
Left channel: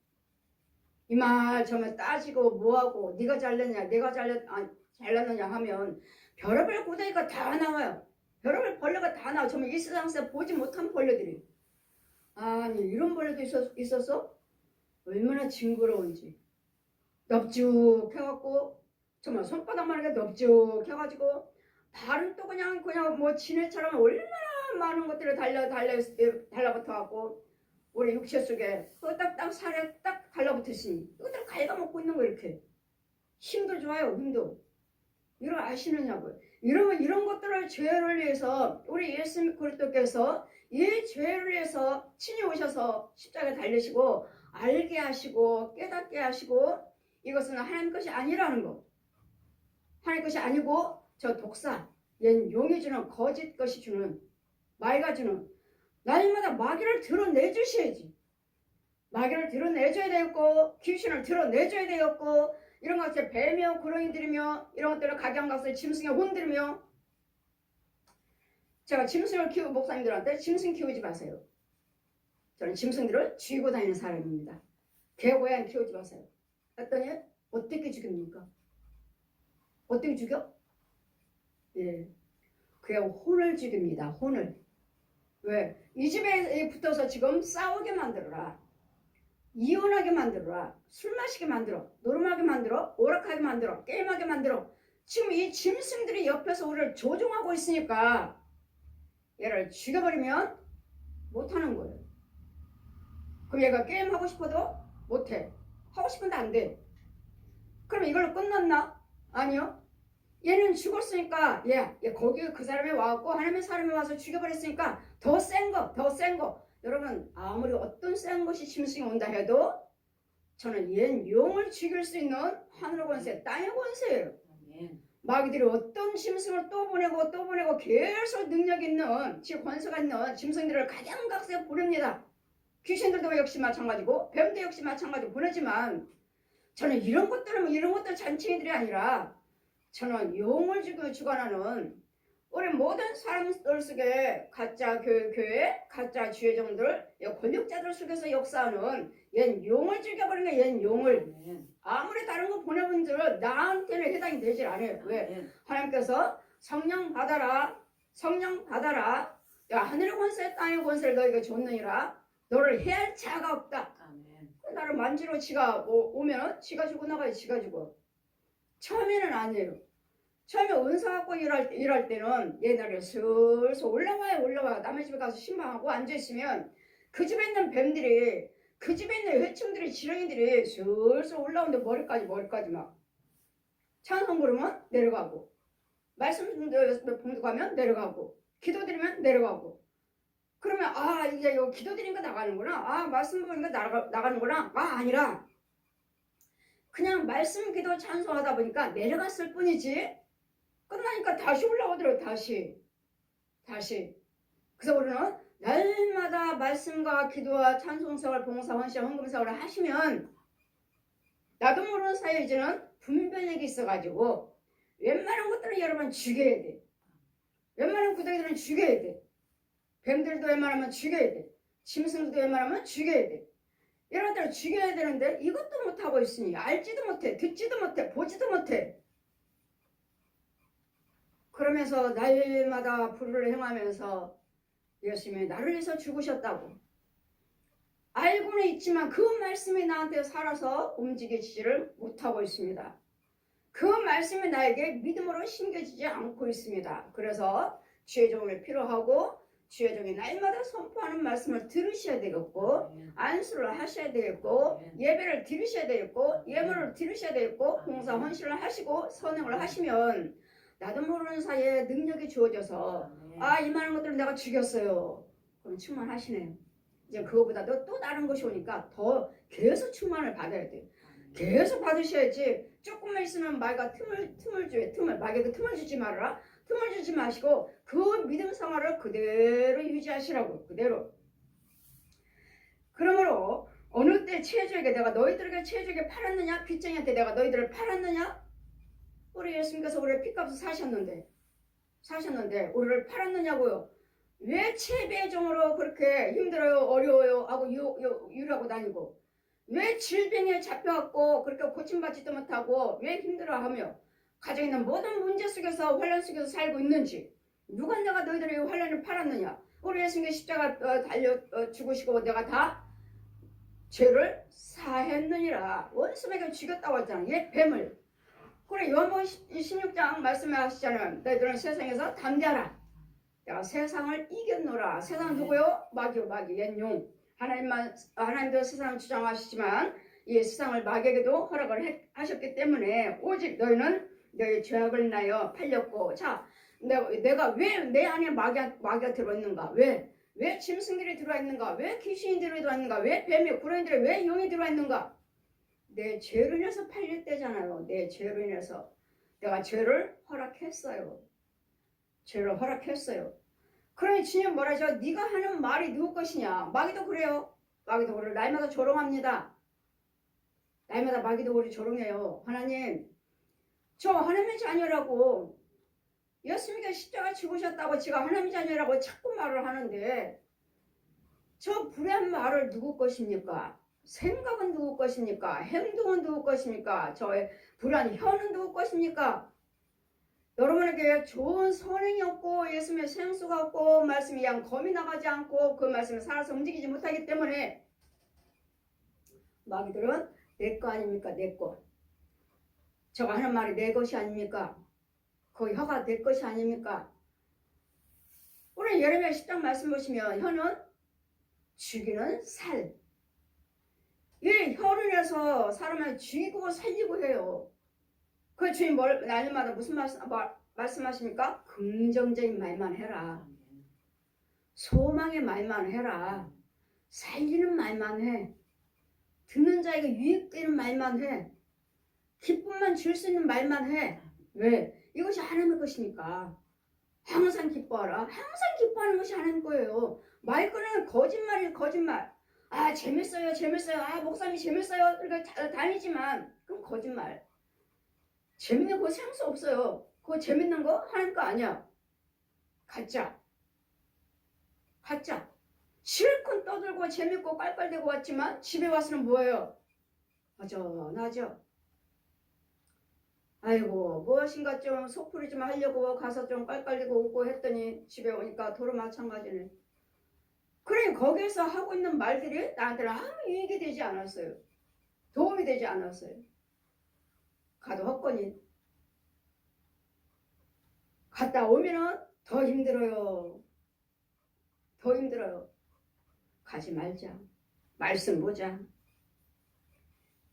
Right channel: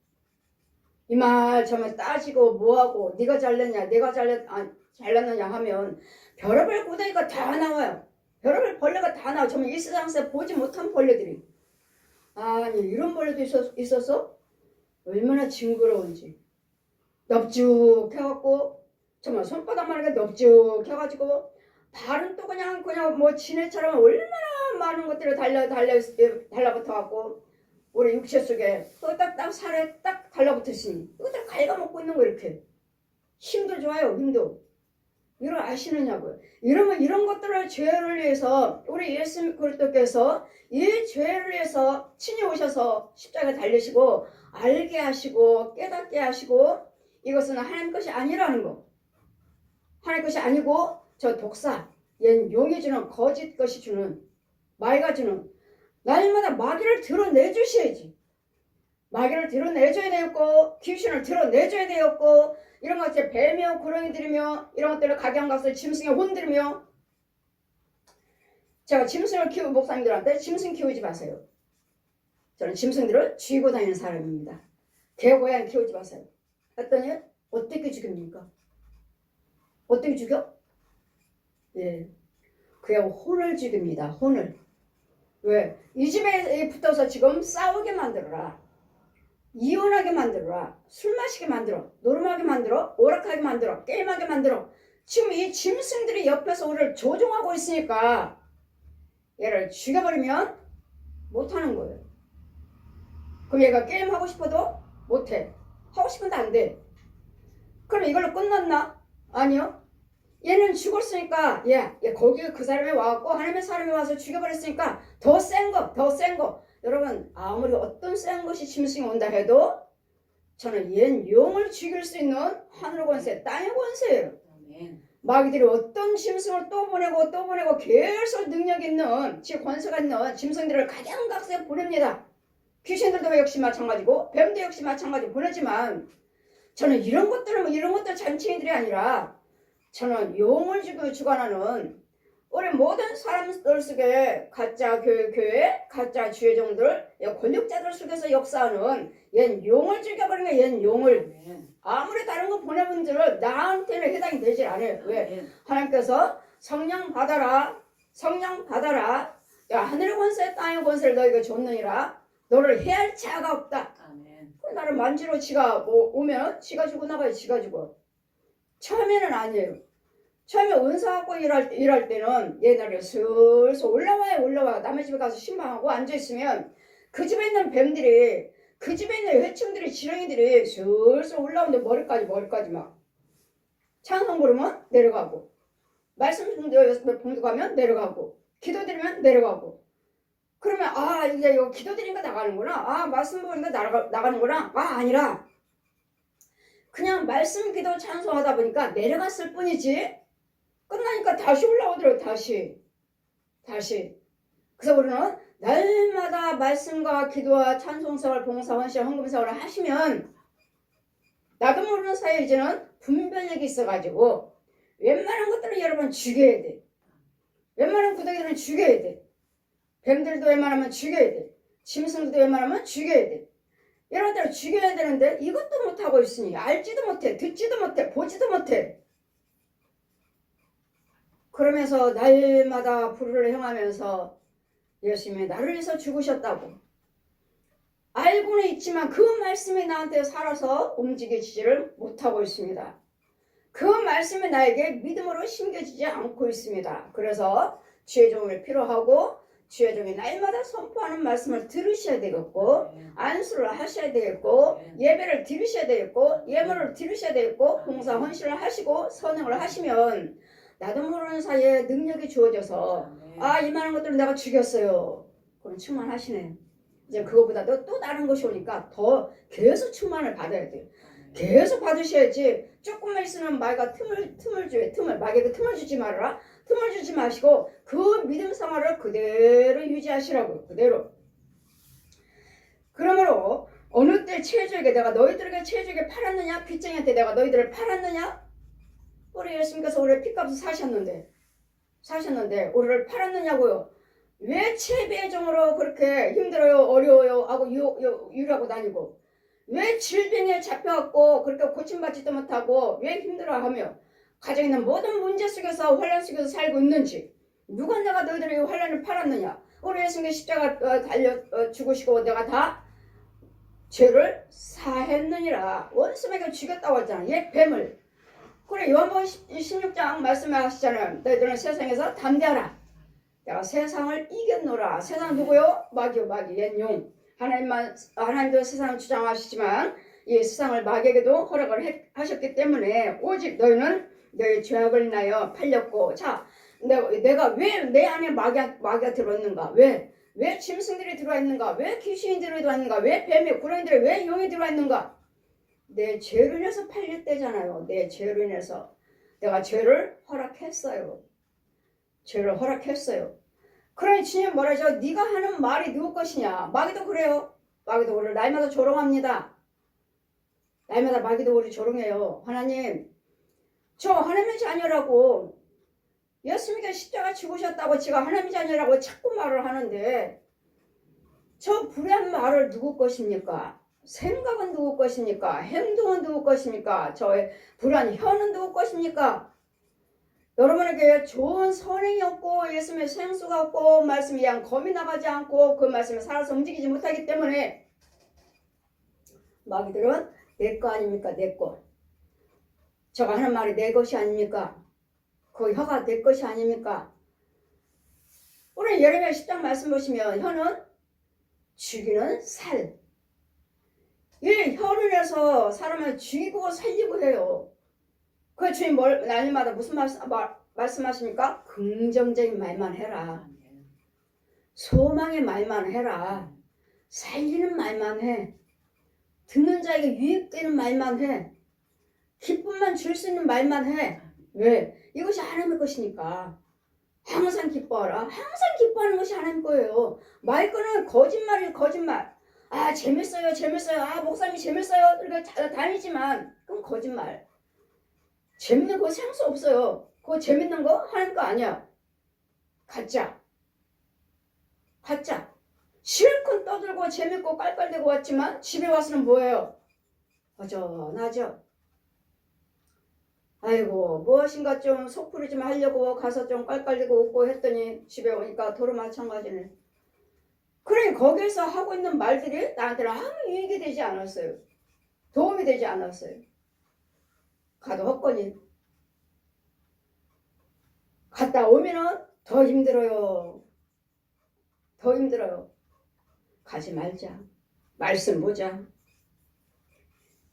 이 말 저 말 따지고 뭐하고 네가 잘났냐 내가 잘났느냐 하면 별의별 구덩이가 다 나와요. 별의별 벌레가 다 나와요. 정말 이 세상에서 보지 못한 벌레들이. 아니 이런 벌레도 있어서 얼마나 징그러운지. 넙죽해갖고 정말 손바닥만 하게 넙죽해가지고 발은 또 그냥 지네처럼 얼마나 많은 것들이 달라붙어갖고 우리 육체 속에 또 딱 살에 딱 달라붙으시니 이것들 갉아먹고 있는 거 이렇게. 힘도 좋아요. 힘도. 이걸 아시느냐고요. 이러면 이런 것들을 죄를 위해서 우리 예수 그리스도께서 이 죄를 위해서 친히 오셔서 십자가에 달리시고 알게 하시고 깨닫게 하시고 이것은 하나님 것이 아니라는 거. 하나님 것이 아니고 저 독사, 얜 용이 주는 거짓 것이 주는 마귀가 주는 날마다 마귀를 드러내주셔야지. 마귀를 드러내줘야 되었고 귀신을 드러내줘야 되었고 이런 것들 뱀이며 구렁이들이며 이런 것들을 각양각색 짐승에 혼들이며 제가 짐승을 키우는 목사님들한테 짐승 키우지 마세요. 저는 짐승들을 쥐고 다니는 사람입니다. 개, 고양이 키우지 마세요. 했더니 어떻게 죽입니까? 어떻게 죽여? 예, 그냥 혼을 죽입니다. 혼을. 왜? 이 집에 붙어서 지금 싸우게 만들어라. 이혼하게 만들어라. 술 마시게 만들어. 노름하게 만들어. 오락하게 만들어. 게임하게 만들어. 지금 이 짐승들이 옆에서 우리를 조종하고 있으니까 얘를 죽여버리면 못하는 거예요. 그럼 얘가 게임하고 싶어도 못해. 하고 싶은데 안 돼. 그럼 이걸로 끝났나? 아니요. 얘는 죽었으니까 얘 거기 그 사람이 와갖고 하나님의 사람이 와서 죽여버렸으니까 더 센 거. 여러분 아무리 어떤 센 것이 짐승이 온다 해도 저는 얜 용을 죽일 수 있는 하늘의 권세, 땅의 권세예요. 마귀들이 어떤 짐승을 또 보내고 계속 능력 있는 권세가 있는 짐승들을 각양각색 보냅니다. 귀신들도 역시 마찬가지고 뱀도 역시 마찬가지로 보내지만 저는 이런 것들 잔치들이 아니라 저는 용을 주관하는 우리 모든 사람들 속에 가짜 교회, 가짜 주의종들, 권력자들 속에서 역사하는 얜 용을 죽여버리는 거야. 얜 용을. 아무리 다른 거 보내분들은 나한테는 해당이 되질 않아요. 왜? 하나님께서 성령 받아라. 야 하늘의 권세 땅의 권세를 너에게 줬느니라. 너를 해할 자가 없다. 나를 만지러 지가 오면 지가 주고 나가요. 지가 주고. 처음에는 아니에요. 처음에 은사 갖고 일할 때는 옛날에 슬슬 올라와요. 남의 집에 가서 신방하고 앉아있으면 그 집에 있는 뱀들이 그 집에 있는 해충들이 지렁이들이 슬슬 올라오는데 머리까지 막 찬송 부르면 내려가고 말씀 봉독하면 내려가고 기도드리면 내려가고 그러면 이제 이거 기도드리니까 나가는구나 말씀 보니까 나가는구나 아니라 그냥 말씀 기도 찬송하다 보니까 내려갔을 뿐이지 끝나니까 다시 올라오더라고요. 다시. 그래서 우리는 날마다 말씀과 기도와 찬송생활, 봉사헌신, 헌금생활을 하시면 나도 모르는 사이에 이제는 분별력이 있어가지고 웬만한 것들은 여러분 죽여야 돼. 웬만한 구덩이들은 죽여야 돼. 뱀들도 웬만하면 죽여야 돼. 짐승들도 웬만하면 죽여야 돼. 이런 것들을 죽여야 되는데 이것도 못하고 있으니 알지도 못해, 듣지도 못해, 보지도 못해. 그러면서 날마다 불을 행하면서 예수님이 나를 위해서 죽으셨다고 알고는 있지만 그 말씀이 나한테 살아서 움직이지를 못하고 있습니다. 그 말씀이 나에게 믿음으로 심겨지지 않고 있습니다. 그래서 주의 종을 필요하고 주의 종이 날마다 선포하는 말씀을 들으셔야 되겠고 안수를 하셔야 되겠고 예배를 드리셔야 되겠고 예물을 드리셔야 되겠고 봉사 헌신을 하시고 선행을 하시면 나도 모르는 사이에 능력이 주어져서 이만한 것들을 내가 죽였어요. 그럼 충만하시네. 이제 그거보다도 또 다른 것이 오니까 더 계속 충만을 받아야 돼요. 계속 받으셔야지 조금만 있으면 마귀가 틈을 줘요. 마귀가 틈을 주지 말아라. 틈을 주지 마시고 그 믿음 생활을 그대로 유지하시라고. 그대로. 그러므로 어느 때 체주에게 내가 너희들에게 체주에게 팔았느냐? 빚쟁이한테 내가 너희들을 팔았느냐? 우리 예수님께서 우리를 핏값을 사셨는데 우리를 팔았느냐고요. 왜 채비의 종으로 그렇게 힘들어요 어려워요 하고 유리하고 다니고 왜 질병에 잡혀갖고 그렇게 고침받지도 못하고 왜 힘들어하며 가정에 있는 모든 문제 속에서 환난 속에서 살고 있는지 누가 내가 너희들에게 환난을 팔았느냐. 우리 예수님께 십자가 달려 죽으시고 내가 다 죄를 사했느니라. 원수에게 죽였다고 했잖아. 옛 뱀을. 그래 요한복음 16장 말씀하시잖아요. 너희들은 세상에서 담대하라. 내가 세상을 이겼노라. 세상 누구요? 마귀요. 옛 용. 하나님도 세상을 주장하시지만 이 세상을 마귀에게도 허락을 하셨기 때문에 오직 너희는 너의 죄악을 인하여 팔렸고. 자, 내가 왜 내 안에 마귀가 들어있는가? 왜 짐승들이 들어있는가? 왜 귀신이 들어있는가? 왜 뱀이 구렁이들이 왜 용이 들어있는가? 내 죄로 인해서 팔렸대잖아요. 내 죄로 인해서 내가 죄를 허락했어요. 죄를 허락했어요. 그러니 주님 뭐라죠? 네가 하는 말이 누구 것이냐? 마귀도 그래요. 마귀도 우리를 날마다 조롱합니다. 날마다 마귀도 우리 조롱해요. 하나님, 저 하나님의 자녀라고, 예수님께 십자가 죽으셨다고 제가 하나님의 자녀라고 자꾸 말을 하는데, 저 불의한 말을 누구 것입니까? 생각은 누구 것입니까? 행동은 누구 것입니까? 저의 불의한 혀는 누구 것입니까? 여러분에게 좋은 선행이 없고 예수님의 생수가 없고 말씀이 양 검이 나가지 않고 그 말씀에 살아서 움직이지 못하기 때문에 마귀들은 내 거 아닙니까? 내 거. 저가 하는 말이 내 것이 아닙니까? 그 혀가 내 것이 아닙니까? 오늘 예레미야 10장 말씀 보시면 혀는 죽이는 살. 이 혀를 내서 사람을 죽이고 살리고 해요. 그 주님 날마다 무슨 말씀하십니까? 긍정적인 말만 해라. 소망의 말만 해라. 살리는 말만 해. 듣는 자에게 유익되는 말만 해. 기쁨만 줄 수 있는 말만 해. 왜? 이것이 하나님의 것이니까. 항상 기뻐하라. 항상 기뻐하는 것이 하나님 거예요. 말거는 거짓말이에요. 거짓말. 아 재밌어요. 아 목사님이 재밌어요. 그러니까 다니지만 그건 거짓말. 재밌는 거 생수 없어요. 그거 재밌는 거 하나님 거 아니야. 가짜. 실컷 떠들고 재밌고 깔깔대고 왔지만 집에 와서는 뭐예요? 허전하죠. 아이고 무엇인가 좀 속풀이 좀 하려고 가서 좀 깔깔대고 웃고 했더니 집에 오니까 도로 마찬가지네. 그래 거기에서 하고 있는 말들이 나한테는 아무 유익이 되지 않았어요. 도움이 되지 않았어요. 가도 헛거니. 갔다 오면은 더 힘들어요. 가지 말자. 말씀 보자.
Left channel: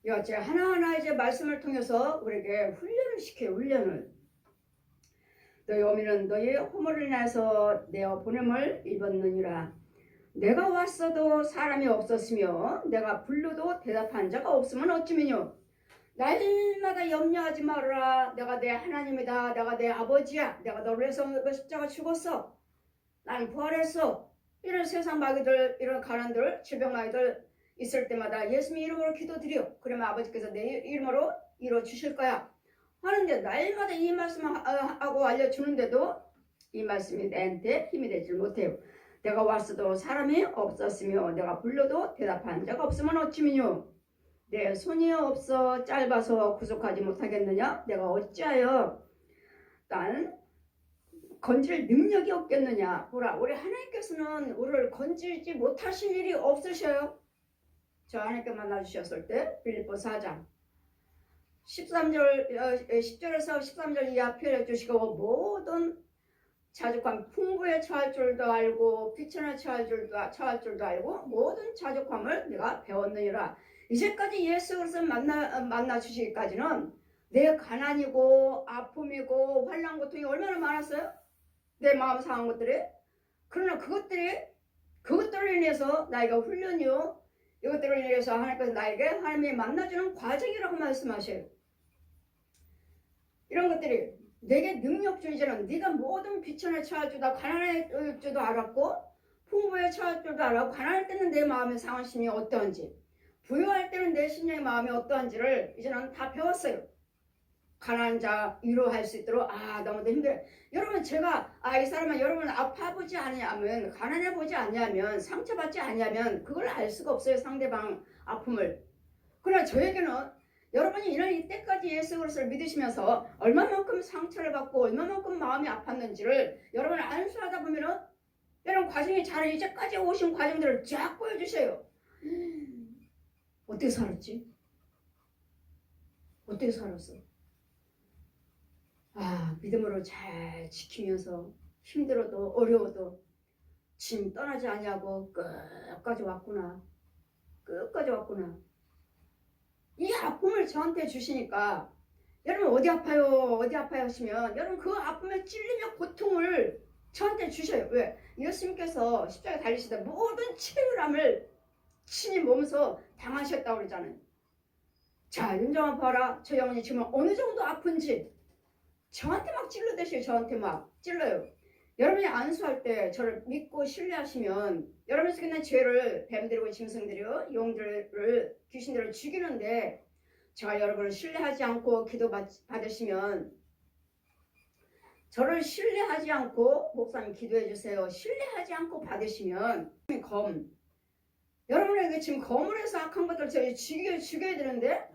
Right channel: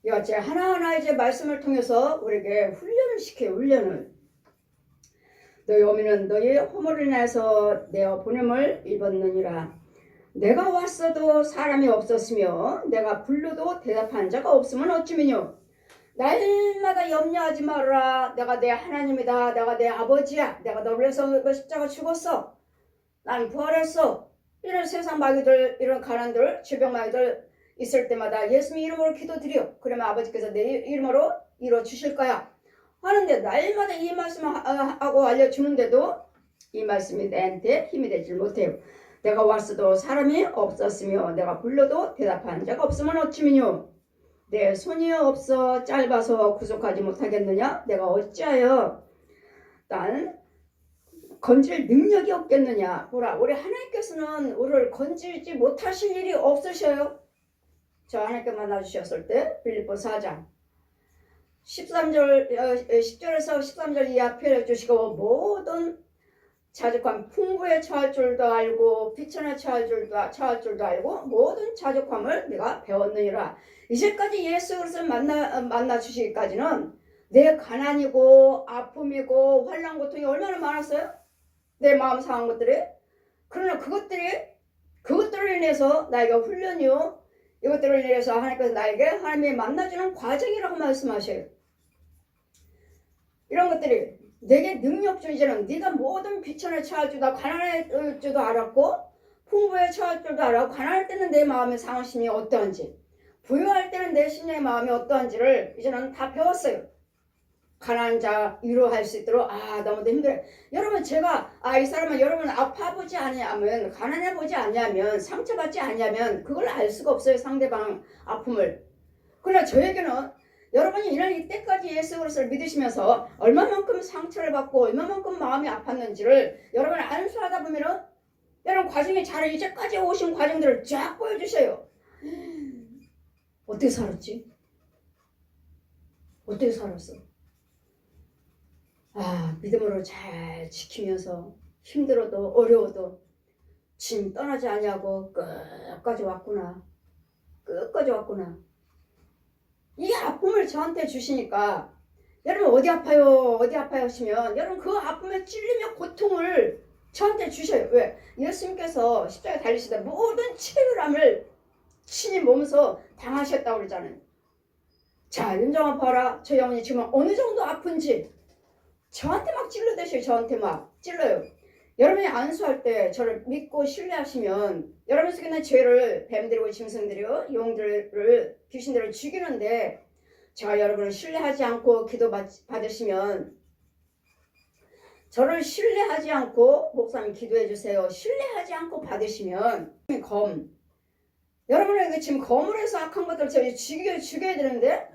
이제 하나하나 이제 말씀을 통해서 우리에게 훈련을 시켜요. 훈련을. 너희 어미는 너희 허물을 인해서 내어 보냄을 입었느니라. 내가 왔어도 사람이 없었으며 내가 불러도 대답하는 자가 없으면 어찌미뇨. 날마다 염려하지 말아라. 내가 내 하나님이다. 내가 내 아버지야. 내가 너를 위해서 십자가 죽었어. 난 부활했어. 이런 세상 마귀들, 이런 가난들, 질병 마귀들 있을 때마다 예수님 이름으로 기도드려. 그러면 아버지께서 내 이름으로 이루어 주실 거야. 하는데 날마다 이 말씀하고 알려주는데도 이 말씀이 내한테 힘이 되질 못해요. 내가 왔어도 사람이 없었으며 내가 불러도 대답하는 자가 없으면 어찌미뇨. 내 손이 없어 짧아서 구속하지 못하겠느냐? 내가 어찌하여 난 건질 능력이 없겠느냐? 보라, 우리 하나님께서는 우리를 건질지 못하실 일이 없으셔요. 저 하나님께 만나주셨을 때 빌립보 4장 10절에서 13절 이하 표현해 주시고 모든 자족함 풍부에 처할 줄도 알고 비천에 처할 줄도 알고 모든 자족함을 내가 배웠느니라. 이제까지 예수 그리스도를 만나 주시기까지는 내 가난이고 아픔이고 환난 고통이 얼마나 많았어요? 내 마음 상한 것들이. 그러나 그것들을 인해서 나에게 훈련이요. 이것들을 인해서 하나님께서 나에게 하나님이 만나주는 과정이라고 말씀하셔요. 이런 것들이 내게 능력 주 이제는 네가 모든 비천에 처할 줄도 가난할 줄도 알았고 풍부에 처할 줄도 알았고 가난할 때는 내 마음의 상하심이 어떠한지 부유할 때는 내 심령의 마음이 어떠한지를 이제는 다 배웠어요. 가난한 자 위로할 수 있도록 너무도 힘들어요. 여러분 제가 이 사람은 여러분 아파보지 아니하면 가난해보지 아니하면 상처받지 아니하면 그걸 알 수가 없어요. 상대방 아픔을. 그러나 저에게는 여러분이 이때까지 예수 그리스도를 믿으시면서 얼마만큼 상처를 받고 얼마만큼 마음이 아팠는지를 여러분 안수하다 보면은 여러분 과정이 잘 이제까지 오신 과정들을 쫙 보여주셔요. 어떻게 살았지? 어떻게 살았어? 믿음으로 잘 지키면서 힘들어도 어려워도 짐 떠나지 아니하고 끝까지 왔구나. 이 아픔을 저한테 주시니까 여러분 어디 아파요? 어디 아파요? 하시면 여러분 그 아픔에 찔리며 고통을 저한테 주셔요. 왜? 예수님께서 십자가에 달리시다 모든 치유람을 친히 몸소 당하셨다고 그러잖아요. 자, 윤정아 봐라. 저 영혼이 지금 어느 정도 아픈지 저한테 막 찔러대셔요. 저한테 막 찔러요. 여러분이 안수할 때 저를 믿고 신뢰하시면 여러분 속에 있는 죄를 뱀들이고 짐승들이요 용들을 귀신들을 죽이는데 제가 여러분을 신뢰하지 않고 기도 받으시면 저를 신뢰하지 않고 목사님 기도해 주세요. 신뢰하지 않고 받으시면 여러분에게 지금 검으로 해서 악한 것들 저희 죽여야 되는데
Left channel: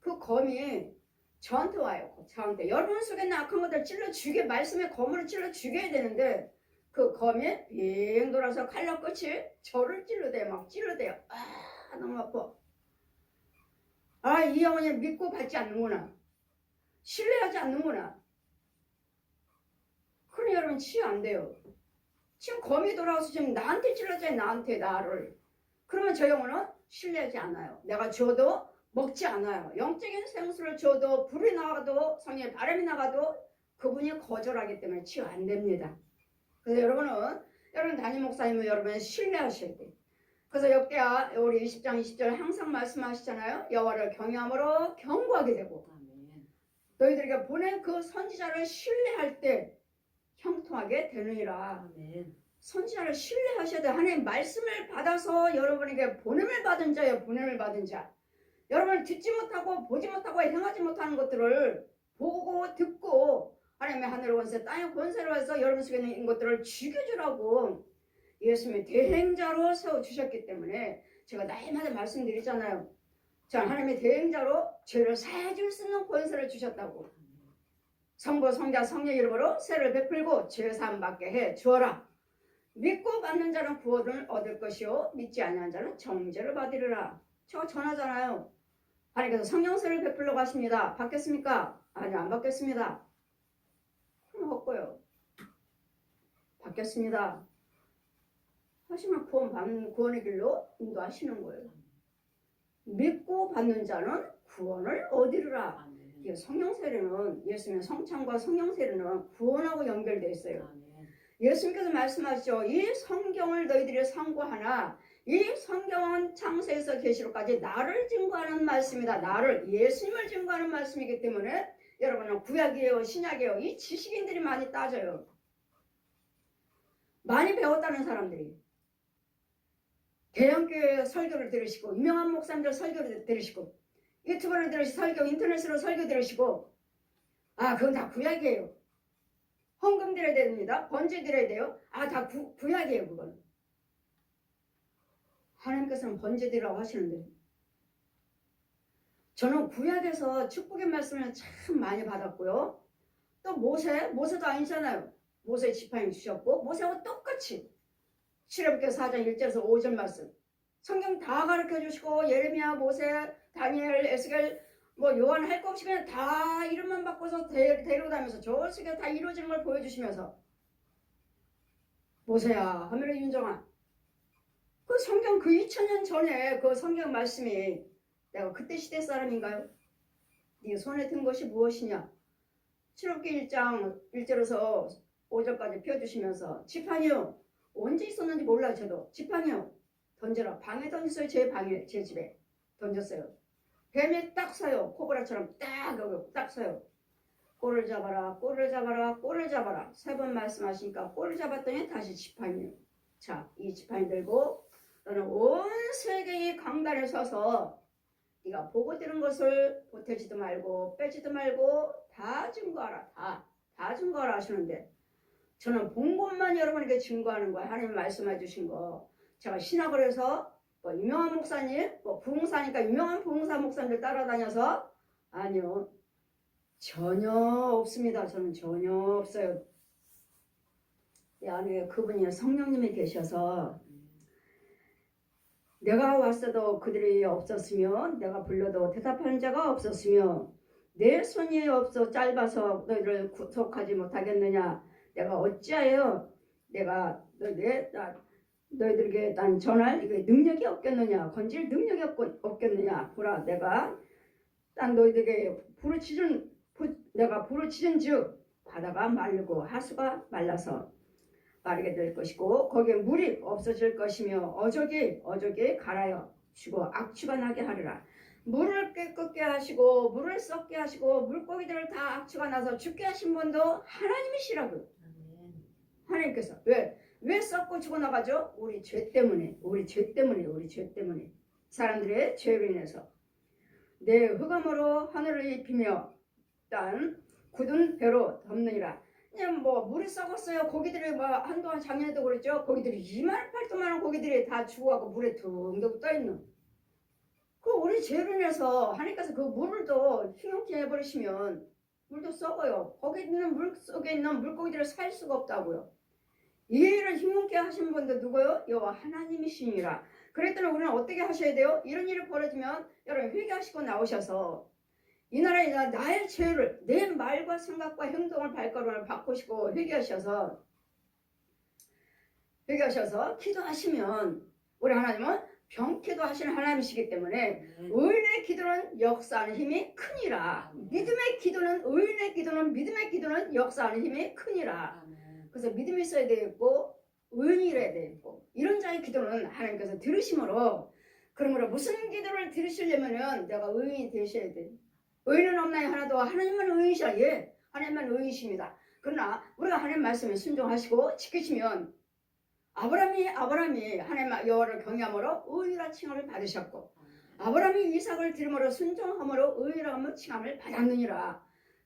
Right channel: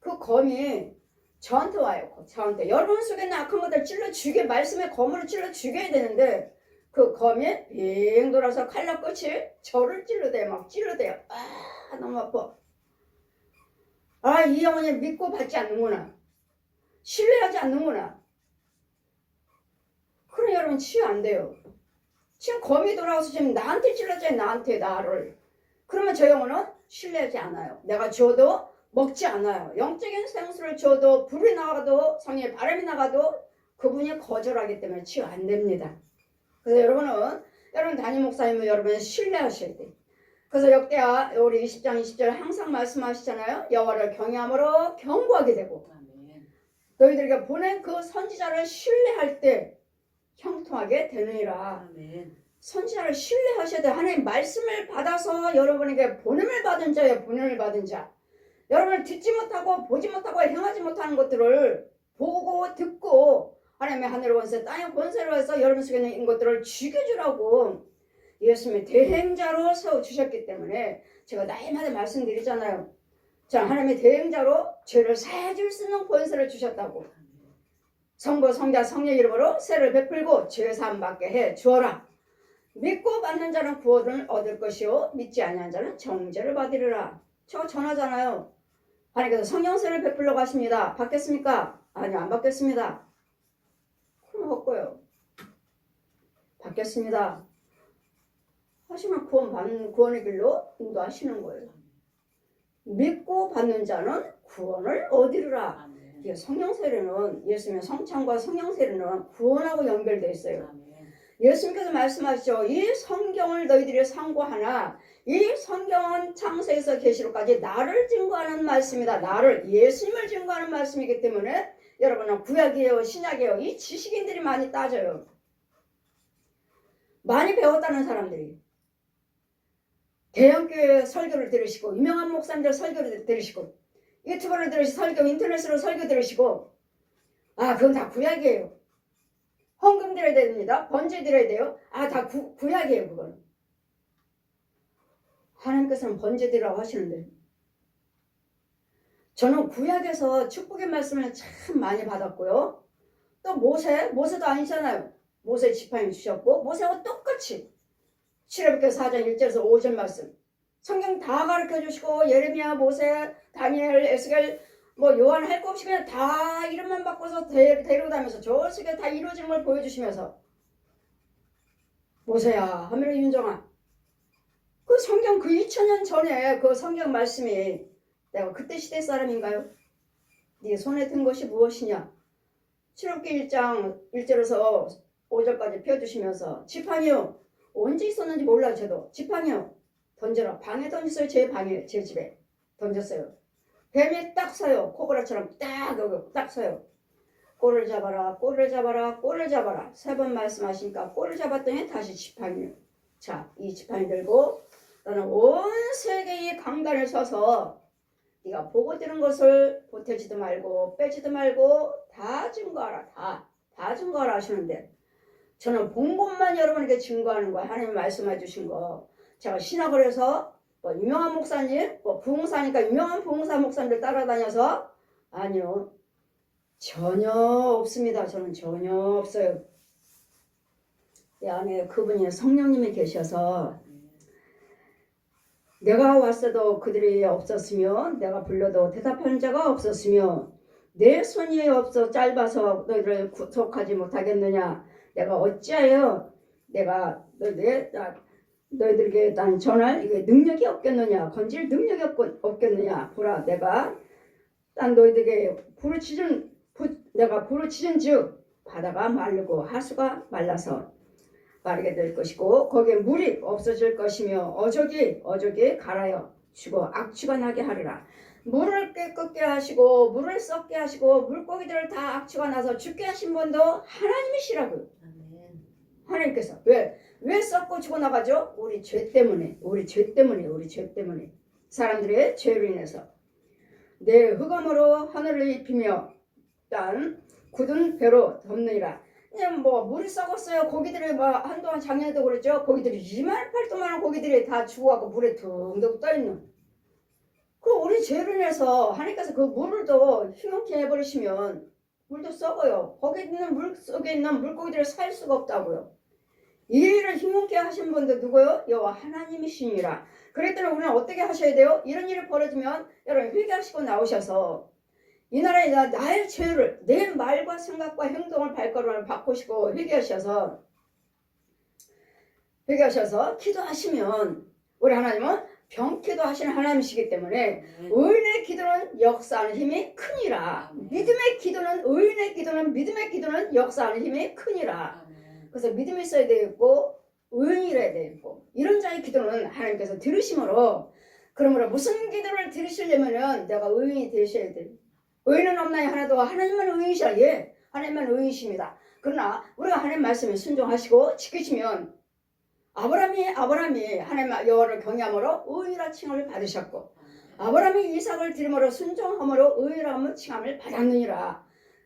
그 검이 저한테 와요. 저한테 여러분 속에 있는 악한 것들 찔러 죽여 말씀의 검으로 찔러 죽여야 되는데 그 검이 빙 돌아서 칼날 끝이 저를 찔러대요. 막 찔러대요. 아 너무 아파. 아 이 영혼이 믿고 받지 않는구나. 신뢰하지 않는구나. 그럼 여러분 치유 안 돼요. 지금 검이 돌아와서 지금 나한테 찔러줘요. 나를. 그러면 저 영혼은 신뢰하지 않아요. 내가 줘도 먹지 않아요. 영적인 생수를 줘도 불이 나가도 성령의 바람이 나가도 그분이 거절하기 때문에 치유 안 됩니다. 그래서 여러분 담임 목사님은 여러분을 신뢰하셔야 돼요. 그래서 역대하 우리 20장 20절 항상 말씀하시잖아요. 여호와를 경외함으로 경고하게 되고 너희들에게 보낸 그 선지자를 신뢰할 때 형통하게 되느니라. 선지자를 신뢰하셔야 돼요. 하나님 말씀을 받아서 여러분에게 보냄을 받은 자예요. 보냄을 받은 자. 여러분을 듣지 못하고 보지 못하고 행하지 못하는 것들을 보고 듣고 하나님의 하늘의 권세 땅의 권세로 해서 여러분 속에 있는 것들을 죽여주라고 예수님의 대행자로 세워주셨기 때문에 제가 날마다 말씀드리잖아요. 자, 하나님의 대행자로 죄를 사해줄 수 있는 권세를 주셨다고. 성부 성자 성령 이름으로 세를 베풀고 죄 사함 받게 해 주어라. 믿고 받는 자는 구원을 얻을 것이요 믿지 아니한 자는 정죄를 받으리라. 저 전하잖아요. 하나님께서 성령세를 베풀러 가십니다. 받겠습니까? 아니요, 안 받겠습니다. 그럼 없고요. 받겠습니다. 하시면 구원의 길로 인도하시는 거예요. 믿고 받는 자는 구원을 얻으리라. 이게 성령세례는 예수님의 성찬과 성령세례는 구원하고 연결되어 있어요. 예수님께서 말씀하시죠. 이 성경을 너희들이 상고하나 이 성경은 창세에서 계시록까지 나를 증거하는 말씀이다. 나를 예수님을 증거하는 말씀이기 때문에 여러분은 구약이에요 신약이에요 이 지식인들이 많이 따져요. 많이 배웠다는 사람들이 대형교회 설교를 들으시고 유명한 목사님들 설교를 들으시고 유튜브를 들으시고 설교 인터넷으로 설교 들으시고 아 그건 다 구약이에요. 헌금 드려야 됩니다. 번제 드려야 돼요. 아 다 구약이에요. 그건 하나님께서는 번제 드리라고 하시는데 저는 구약에서 축복의 말씀을 참 많이 받았고요. 또 모세도 아니잖아요. 모세 지팡이 주셨고 모세하고 똑같이 출애굽기 4장 1절에서 5절 말씀 성경 다 가르쳐 주시고 예레미야 모세 다니엘 에스겔 뭐 요한 할 거 없이 그냥 다 이름만 바꿔서 데리고 다니면서 저렇게 다 이루어지는 걸 보여주시면서 모세야 하면은 윤정아 그 성경 그 2000년 전에 그 성경 말씀이 내가 그때 시대 사람인가요? 네 손에 든 것이 무엇이냐? 출애굽기 1장 1절에서 5절까지 펴주시면서 지팡이요 언제 있었는지 몰라요. 저도 지팡이요 던져라. 방에 던졌어요. 제 방에 제 집에 던졌어요. 뱀이 딱 서요. 코브라처럼 딱 서요. 꼴을 잡아라 꼴을 잡아라 꼴을 잡아라 3번 말씀하시니까 꼴을 잡았더니 다시 지팡이요. 자, 이 지팡이 들고 너는 온 세계의 강단에 서서 네가 보고 들은 것을 보태지도 말고 빼지도 말고 다 증거하라. 다 증거하라 하시는데 저는 본 것만 여러분에게 증거하는 거예요. 하나님 말씀해 주신 거. 제가 신학을 해서 뭐 유명한 목사님 뭐 부흥사니까 유명한 부흥사 목사님들 따라다녀서 아니요. 전혀 없습니다. 저는 전혀 없어요. 내 안에 그분이 성령님이 계셔서 내가 왔어도 그들이 없었으며 내가 불러도 대답하는 자가 없었으며 내 손이 없어 짧아서 너희를 구속하지 못하겠느냐. 내가 어찌하여 내가 너희들에게 난 전할 능력이 없겠느냐. 건질 능력이 없겠느냐. 보라 내가 딴 너희에게 내가 부르짖은즉 바다가 마르고 하수가 말라서 마르게 될 것이고 거기에 물이 없어질 것이며 어족이 갈아여 죽어 악취가 나게 하리라. 물을 끓게 하시고 물을 썩게 하시고 물고기들을 다 악취가 나서 죽게 하신 분도 하나님이시라고요. 하나님께서 왜 썩고 죽어나가죠? 우리 죄 때문에 사람들의 죄로 인해서 내 흑암으로 하늘을 입히며 땅 굳은 배로 덮느니라. 그냥 뭐 물이 썩었어요. 고기들이 뭐 한동안 작년에도 그랬죠. 고기들이 2만 8도만 고기들이 다 죽어가고 물에 둥둥 떠있는 그 우리 죄로 인해서 하나님께서 그 물을 또 흉흉케 해버리시면 물도 썩어요. 거기 있는 물 속에 있는 물고기들을 살 수가 없다고요. 이 일을 흉흉케 하신 분도 누구요? 여호와 하나님이시니라. 그랬더니 우리는 어떻게 하셔야 돼요? 이런 일이 벌어지면 여러분 회개하시고 나오셔서 이 나라에 나의 죄를 내 말과 생각과 행동을 발걸음을 바꾸시고 회개하셔서 기도하시면 우리 하나님은 병기도 하시는 하나님이시기 때문에 의인의 기도는 역사하는 힘이 크니라. 의인의 기도는 믿음의 기도는 역사하는 힘이 크니라. 그래서 믿음이 있어야 되겠고 의인이라야 되겠고 이런 자의 기도는 하나님께서 들으심으로 그러므로 무슨 기도를 들으시려면은 내가 의인이 되셔야 돼. 의인은 없나요? 하나도 하나님만 의인이시라. 예, 하나님만 의인이십니다. 그러나 우리가 하나님 말씀에 순종하시고 지키시면 아브라함이 하나님 여호와를 경외함으로 의인이라 칭함을 받으셨고 아브라함이 이삭을 드림으로 순종함으로 의인이라 칭함을 받았느니라.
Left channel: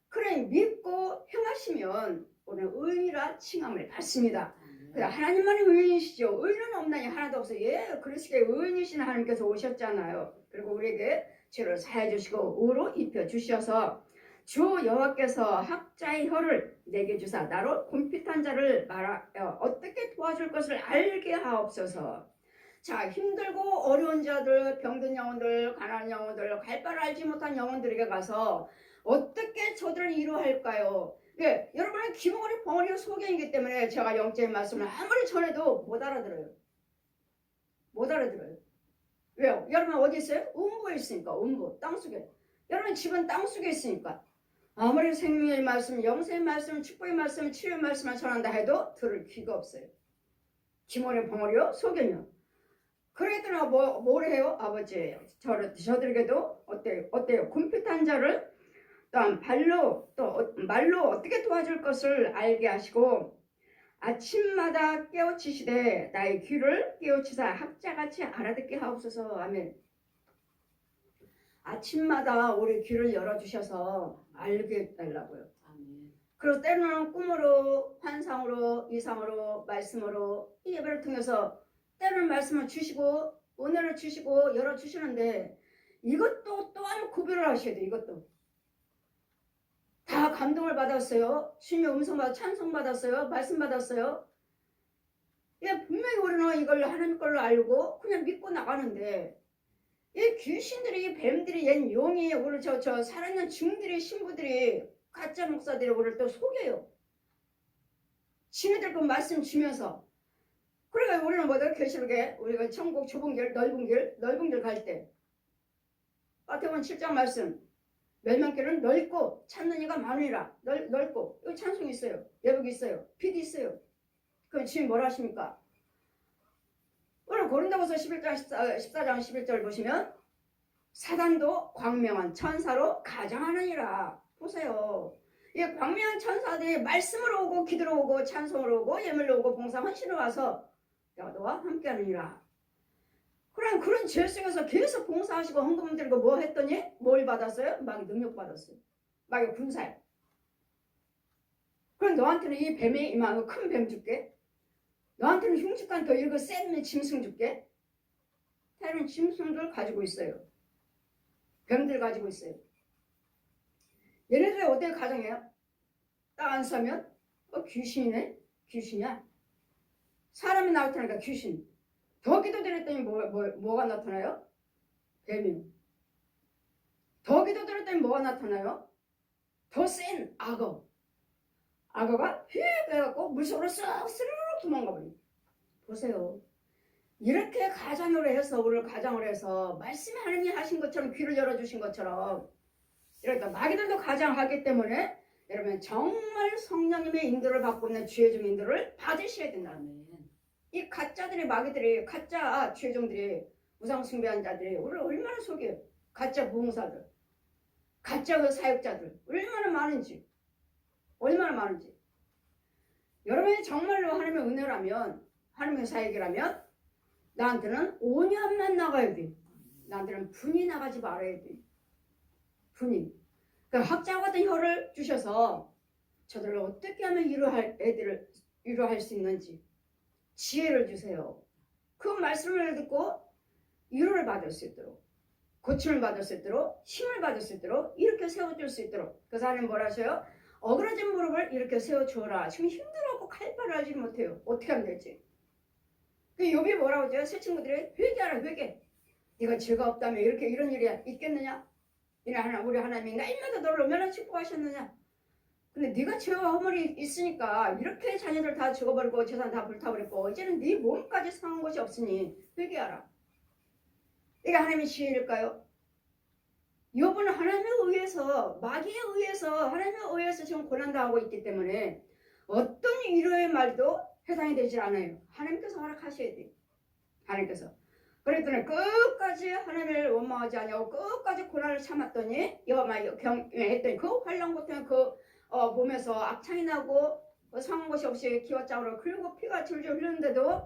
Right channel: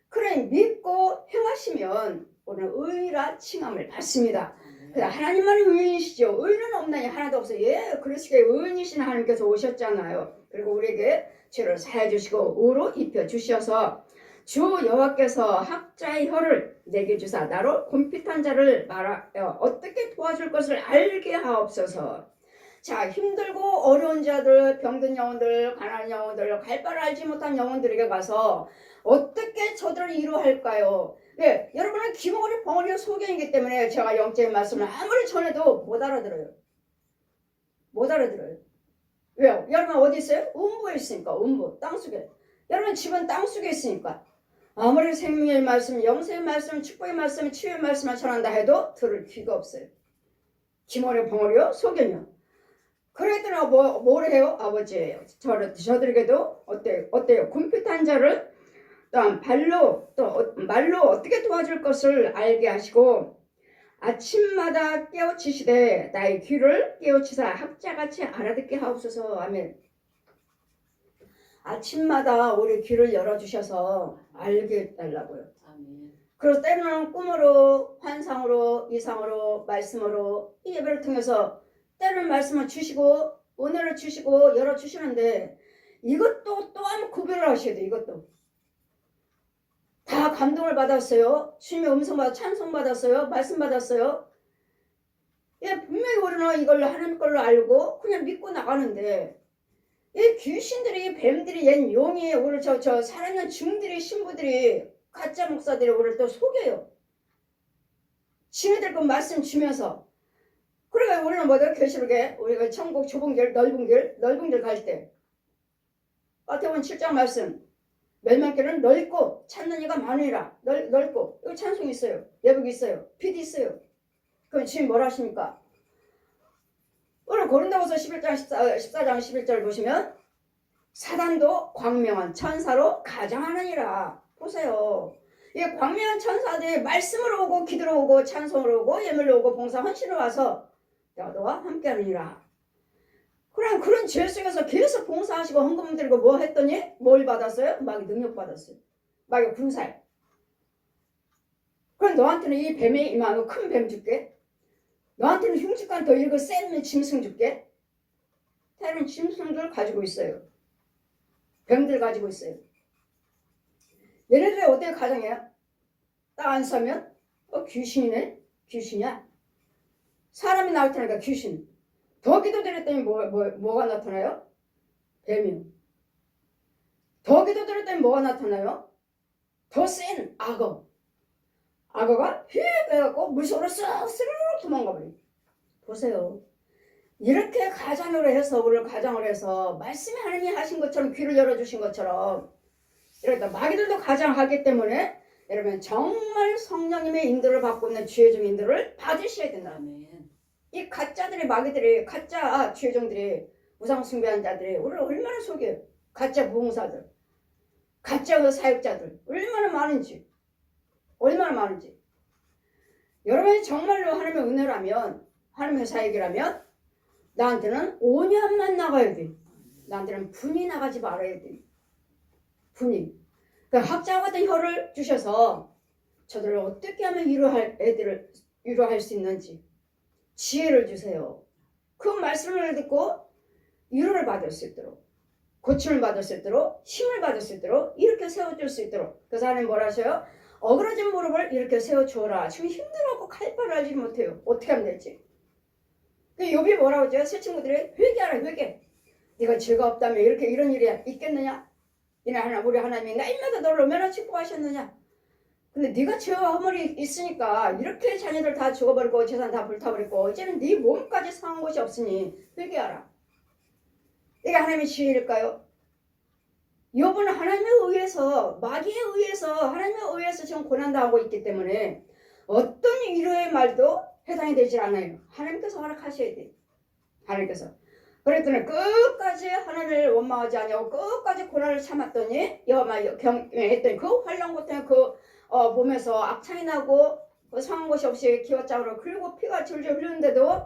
그래 믿고 행하시면 오늘 의인이라 칭함을 받습니다. 하나님만 의인이시죠. 의인은 없나요? 하나도 없어요. 예, 그리스도의 의인이신 하나님께서 오셨잖아요. 그리고 우리에게 죄를 사해 주시고 의로 입혀 주셔서 주 여호와께서 학자의 혀를 내게 주사 나로 곰핍한 자를 말하여 어떻게 도와줄 것을 알게 하옵소서. 자, 힘들고 어려운 자들, 병든 영혼들, 가난한 영혼들, 갈 바를 알지 못한 영혼들에게 가서 어떻게 저들을 위로할까요? 네, 여러분은 기머리 벙어리 소경이기 때문에 제가 영적인 말씀을 아무리 전해도 못 알아들어요. 왜요? 여러분 어디 있어요? 음부에 있으니까. 음부, 땅속에. 여러분 집은 땅속에 있으니까. 아무리 생명의 말씀, 영생의 말씀, 축복의 말씀, 치유의 말씀을 전한다 해도 들을 귀가 없어요. 기머리 벙어리요? 소경이요. 그랬더니 뭘 해요? 아버지 저들에게도 어때요? 곰핍한 자를 말로 어떻게 도와줄 것을 알게 하시고 아침마다 깨우치시되 나의 귀를 깨우치사 학자같이 알아듣게 하옵소서. 아멘. 아침마다 우리 귀를 열어주셔서 알게 해달라고요. 그래서 때로는 꿈으로, 환상으로, 이상으로, 말씀으로 이 예배를 통해서 때로는 말씀을 주시고 은혜를 주시고 열어주시는데 이것도 또한 구별을 하셔야 돼요. 이것도 다 감동을 받았어요. 주님의 음성 받아 찬송 받았어요. 말씀 받았어요. 예, 분명히 우리는 이걸 하나님 걸로 알고 그냥 믿고 나가는데 이 귀신들이 뱀들이 옛 용이 오늘 저 살아있는 중들이 신부들이 가짜 목사들이 우리를 또 속여요. 지네들 그 말씀 주면서 그러니까 우리는 뭐다 계시록에 우리가 천국 좁은 길 넓은 길 갈 때 마태복음 7장 말씀 멸망길은 넓고 찾는 이가 많으리라. 넓고 여기 찬송이 있어요. 예복이 있어요. 빛이 있어요. 그럼 주님 뭐라 하십니까? 오늘 고린도후서 14장 11절 보시면 사단도 광명한 천사로 가장하느니라. 보세요. 이 광명한 천사들이 말씀으로 오고 기도로 오고 찬송으로 오고 예물로 오고 봉사 헌신으로 와서 너와 함께하느니라. 그런 죄 속에서 계속 봉사하시고 헌금 드리고 뭐 했더니 뭘 받았어요? 마귀 능력 받았어요. 마귀 군사에. 그럼 너한테는 이 뱀에 임하고 큰 뱀 줄게. 너한테는 흉측한 더 이렇게 센 짐승 줄게. 다른 짐승들 가지고 있어요. 뱀들 가지고 있어요. 얘네들이 어떻게 가정해요? 딱 안 서면 귀신이네? 귀신이야? 사람이 나타나니까 귀신. 더 기도드렸더니 뭐가 나타나요? 뱀이요. 더 기도드렸더니 뭐가 나타나요? 더 센 악어. 악어가 휙 해갖고 물속으로 쓱 스르륵 도망가버려요. 보세요. 이렇게 가정으로 해서 우리를 가정을 해서 말씀이 하나님이 하신 것처럼 귀를 열어주신 것처럼 이러다 마귀들도 가장하기 때문에 여러분 정말 성령님의 인도를 받고 있는 주의종 인도를 받으셔야 된다. 이 가짜들의 마귀들이 가짜 주의종들이 우상 숭배한 자들이 우리를 얼마나 속여요. 가짜 부흥사들, 가짜 그 사역자들 얼마나 많은지 여러분이 정말로 하나님의 은혜라면 하나님의 사역이라면 나한테는 온유함만 나가야 돼. 나한테는 분이 나가지 말아야 돼. 분이. 그러니까 학자와 같은 혀를 주셔서 저들을 어떻게 하면 위로할 수 있는지 지혜를 주세요. 그 말씀을 듣고 위로를 받을 수 있도록, 고침을 받을 수 있도록, 힘을 받을 수 있도록 이렇게 세워줄 수 있도록. 그래서 하나님 뭐라 하셔요? 어그러진 무릎을 이렇게 세워주어라. 지금 힘들어하고 칼바를 하지 못해요. 어떻게 하면 될지. 욥이 뭐라고 하죠? 새 친구들이 회개하라 회개. 네가 죄가 없다면 이렇게 이런 일이 있겠느냐? 우리 하나님이 날마다 너를 얼마나 축복하셨느냐? 근데 네가 죄와 허물이 있으니까 이렇게 자녀들 다 죽어버리고 재산 다 불타버리고 이제는 네 몸까지 상한 곳이 없으니 회개하라. 이게 하나님의 지혜일까요? 욥은 하나님에 의해서 마귀에 의해서 하나님에 의해서 지금 고난당하고 있기 때문에 어떤 위로의 말도 해당이 되질 않아요. 하나님께서 허락하셔야 돼요. 하나님께서. 그랬더니 끝까지 하나님을 원망하지 않냐고 끝까지 고난을 참았더니 경했더니 그 환란고통에 몸에서 악창이 나고 상한 곳이 없이 기와장으로 그리고 피가 줄줄 흐르는데도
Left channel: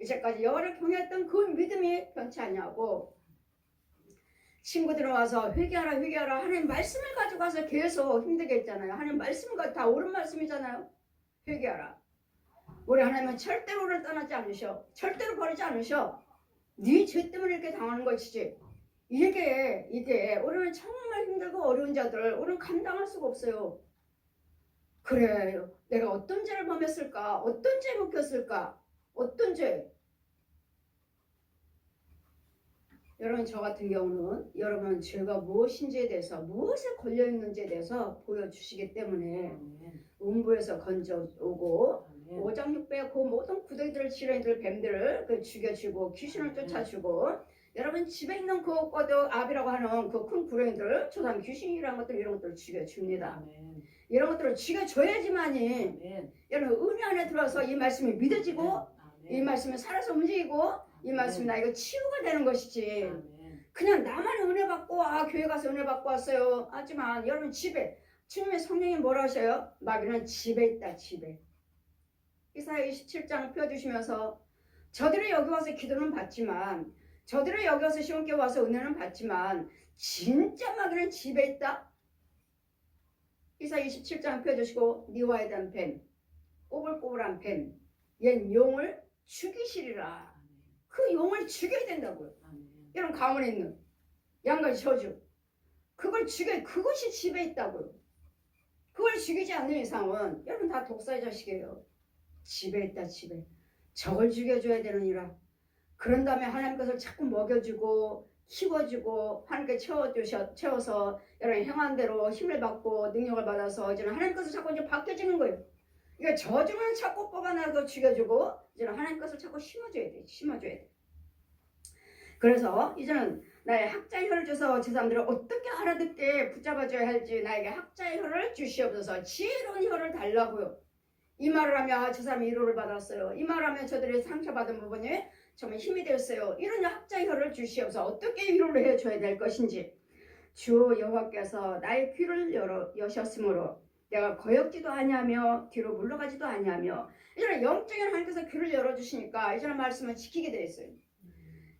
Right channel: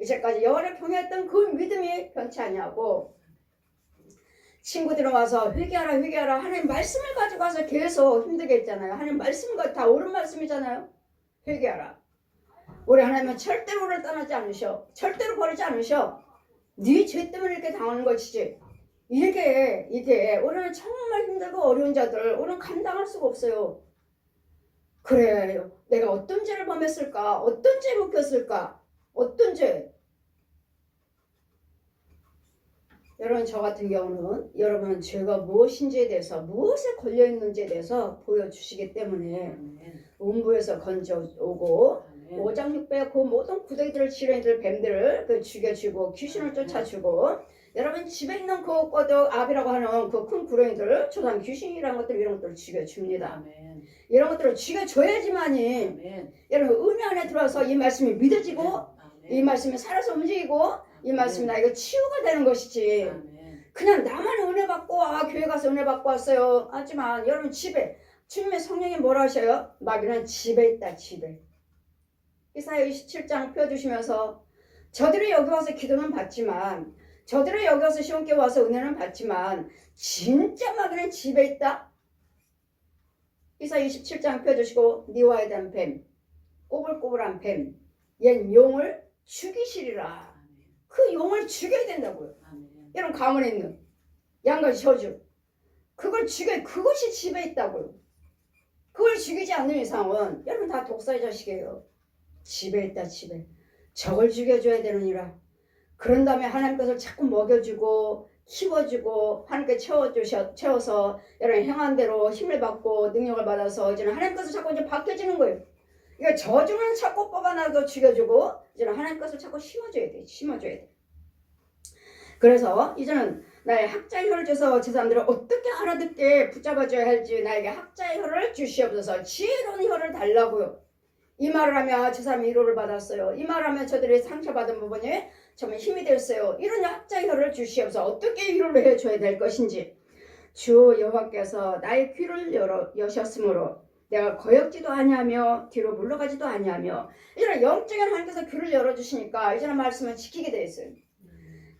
이제까지 여호와를 경외했던 그 믿음이 변치 않냐고 친구들이 와서 회개하라 하나님 말씀을 가지고 와서 계속 힘들게 했잖아요. 하나님 말씀과 다 옳은 말씀이잖아요. 회개하라. 우리 하나님은 절대로 우리를 떠나지 않으셔. 절대로 버리지 않으셔. 네 죄 때문에 이렇게 당하는 것이지. 이게 우리는 정말 힘들고 어려운 자들 우리는 감당할 수가 없어요. 그래요. 내가 어떤 죄를 범했을까? 어떤 죄 묵혔을까? 어떤 죄? 여러분 저 같은 경우는 여러분 죄가 무엇인지에 대해서 무엇에 걸려있는지에 대해서 보여주시기 때문에 음부에서 건져오고 오장육부의 그 모든 구덩이들을 지렁이들 뱀들을 죽여주고 귀신을 쫓아주고 여러분 집에 있는 그 꼬덕 압이라고 하는 그 큰 구렁이들 조상 귀신이라는 것들 이런 것들을 죽여줍니다. 이런 것들을 죽여줘야지만이 여러분 은혜 안에 들어와서 이 말씀이 믿어지고 이 말씀이 살아서 움직이고 이 말씀이 나에게 치유가 되는 것이지. 그냥 나만 은혜 받고 교회 가서 은혜 받고 왔어요. 하지만 여러분 집에 주님의 성령이 뭐라 하셔요? 마귀는 집에 있다. 집에. 이사야 27장 펴주시면서 저들이 여기 와서 기도는 받지만 저들이 여기 와서 시온교회 와서 은혜는 받지만 진짜 마귀는 집에 있다. 이사야 27장 펴주시고 니와에 대한 뱀 꼬불꼬불한 뱀 얜 용을 죽이시리라. 그 용을 죽여야 된다고요. 여러분 가문에 있는 양가지 저주 그걸 죽여 그것이 집에 있다고요. 그걸 죽이지 않는 이상은 여러분 다 독사의 자식이에요. 집에 있다. 집에 저걸 죽여줘야 되느니라. 그런 다음에 하나님께서 자꾸 먹여주고 키워주고 하나님께 채워서 여러분 행한 대로 힘을 받고 능력을 받아서 이제는 하나님께서 자꾸 이제 바뀌어지는 거예요. 그러니까 저주는 자꾸 뽑아나도 죽여주고 이제는 하나님께서 자꾸 심어줘야 돼. 그래서 이제는 나의 학자의 혀를 줘서 제 사람들을 어떻게 알아듣게 붙잡아줘야 할지 나에게 학자의 혀를 주시옵소서. 지혜로운 혀를 달라고요. 이 말을 하면 저 사람이 위로를 받았어요. 이 말을 하면 저들이 상처받은 부분이 정말 힘이 됐어요. 이런 학자의 혀를 주시옵소서. 어떻게 위로를 해줘야 될 것인지. 주 여호와께서 나의 귀를 여셨으므로 내가 거역지도 아니하며 뒤로 물러가지도 아니하며 이제는 영적인 하나님께서 귀를 열어주시니까 이제는 말씀을 지키게 돼 있어요.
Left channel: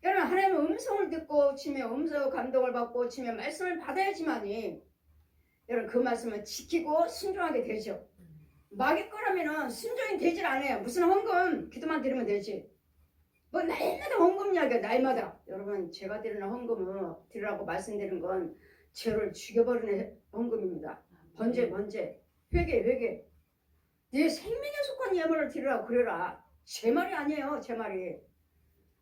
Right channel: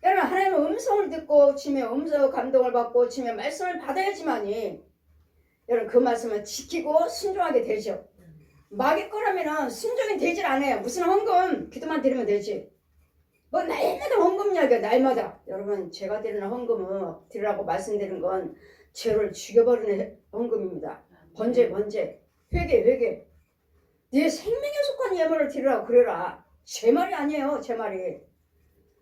여러분 하나님의 음성을 듣고 치며 음성 감동을 받고 치며 말씀을 받아야지만이 여러분 그 말씀을 지키고 순종하게 되죠. 마귀 거라면은 순종이 되질 않아요. 무슨 헌금 기도만 드리면 되지. 뭐 날마다 헌금 이야기야. 날마다. 여러분 제가 드리는 헌금은 드리라고 말씀드리는 건 죄를 죽여버리는 헌금입니다. 번제 회개 네 생명에 속한 예물을 드리라고 그래라. 제 말이 아니에요. 제 말이.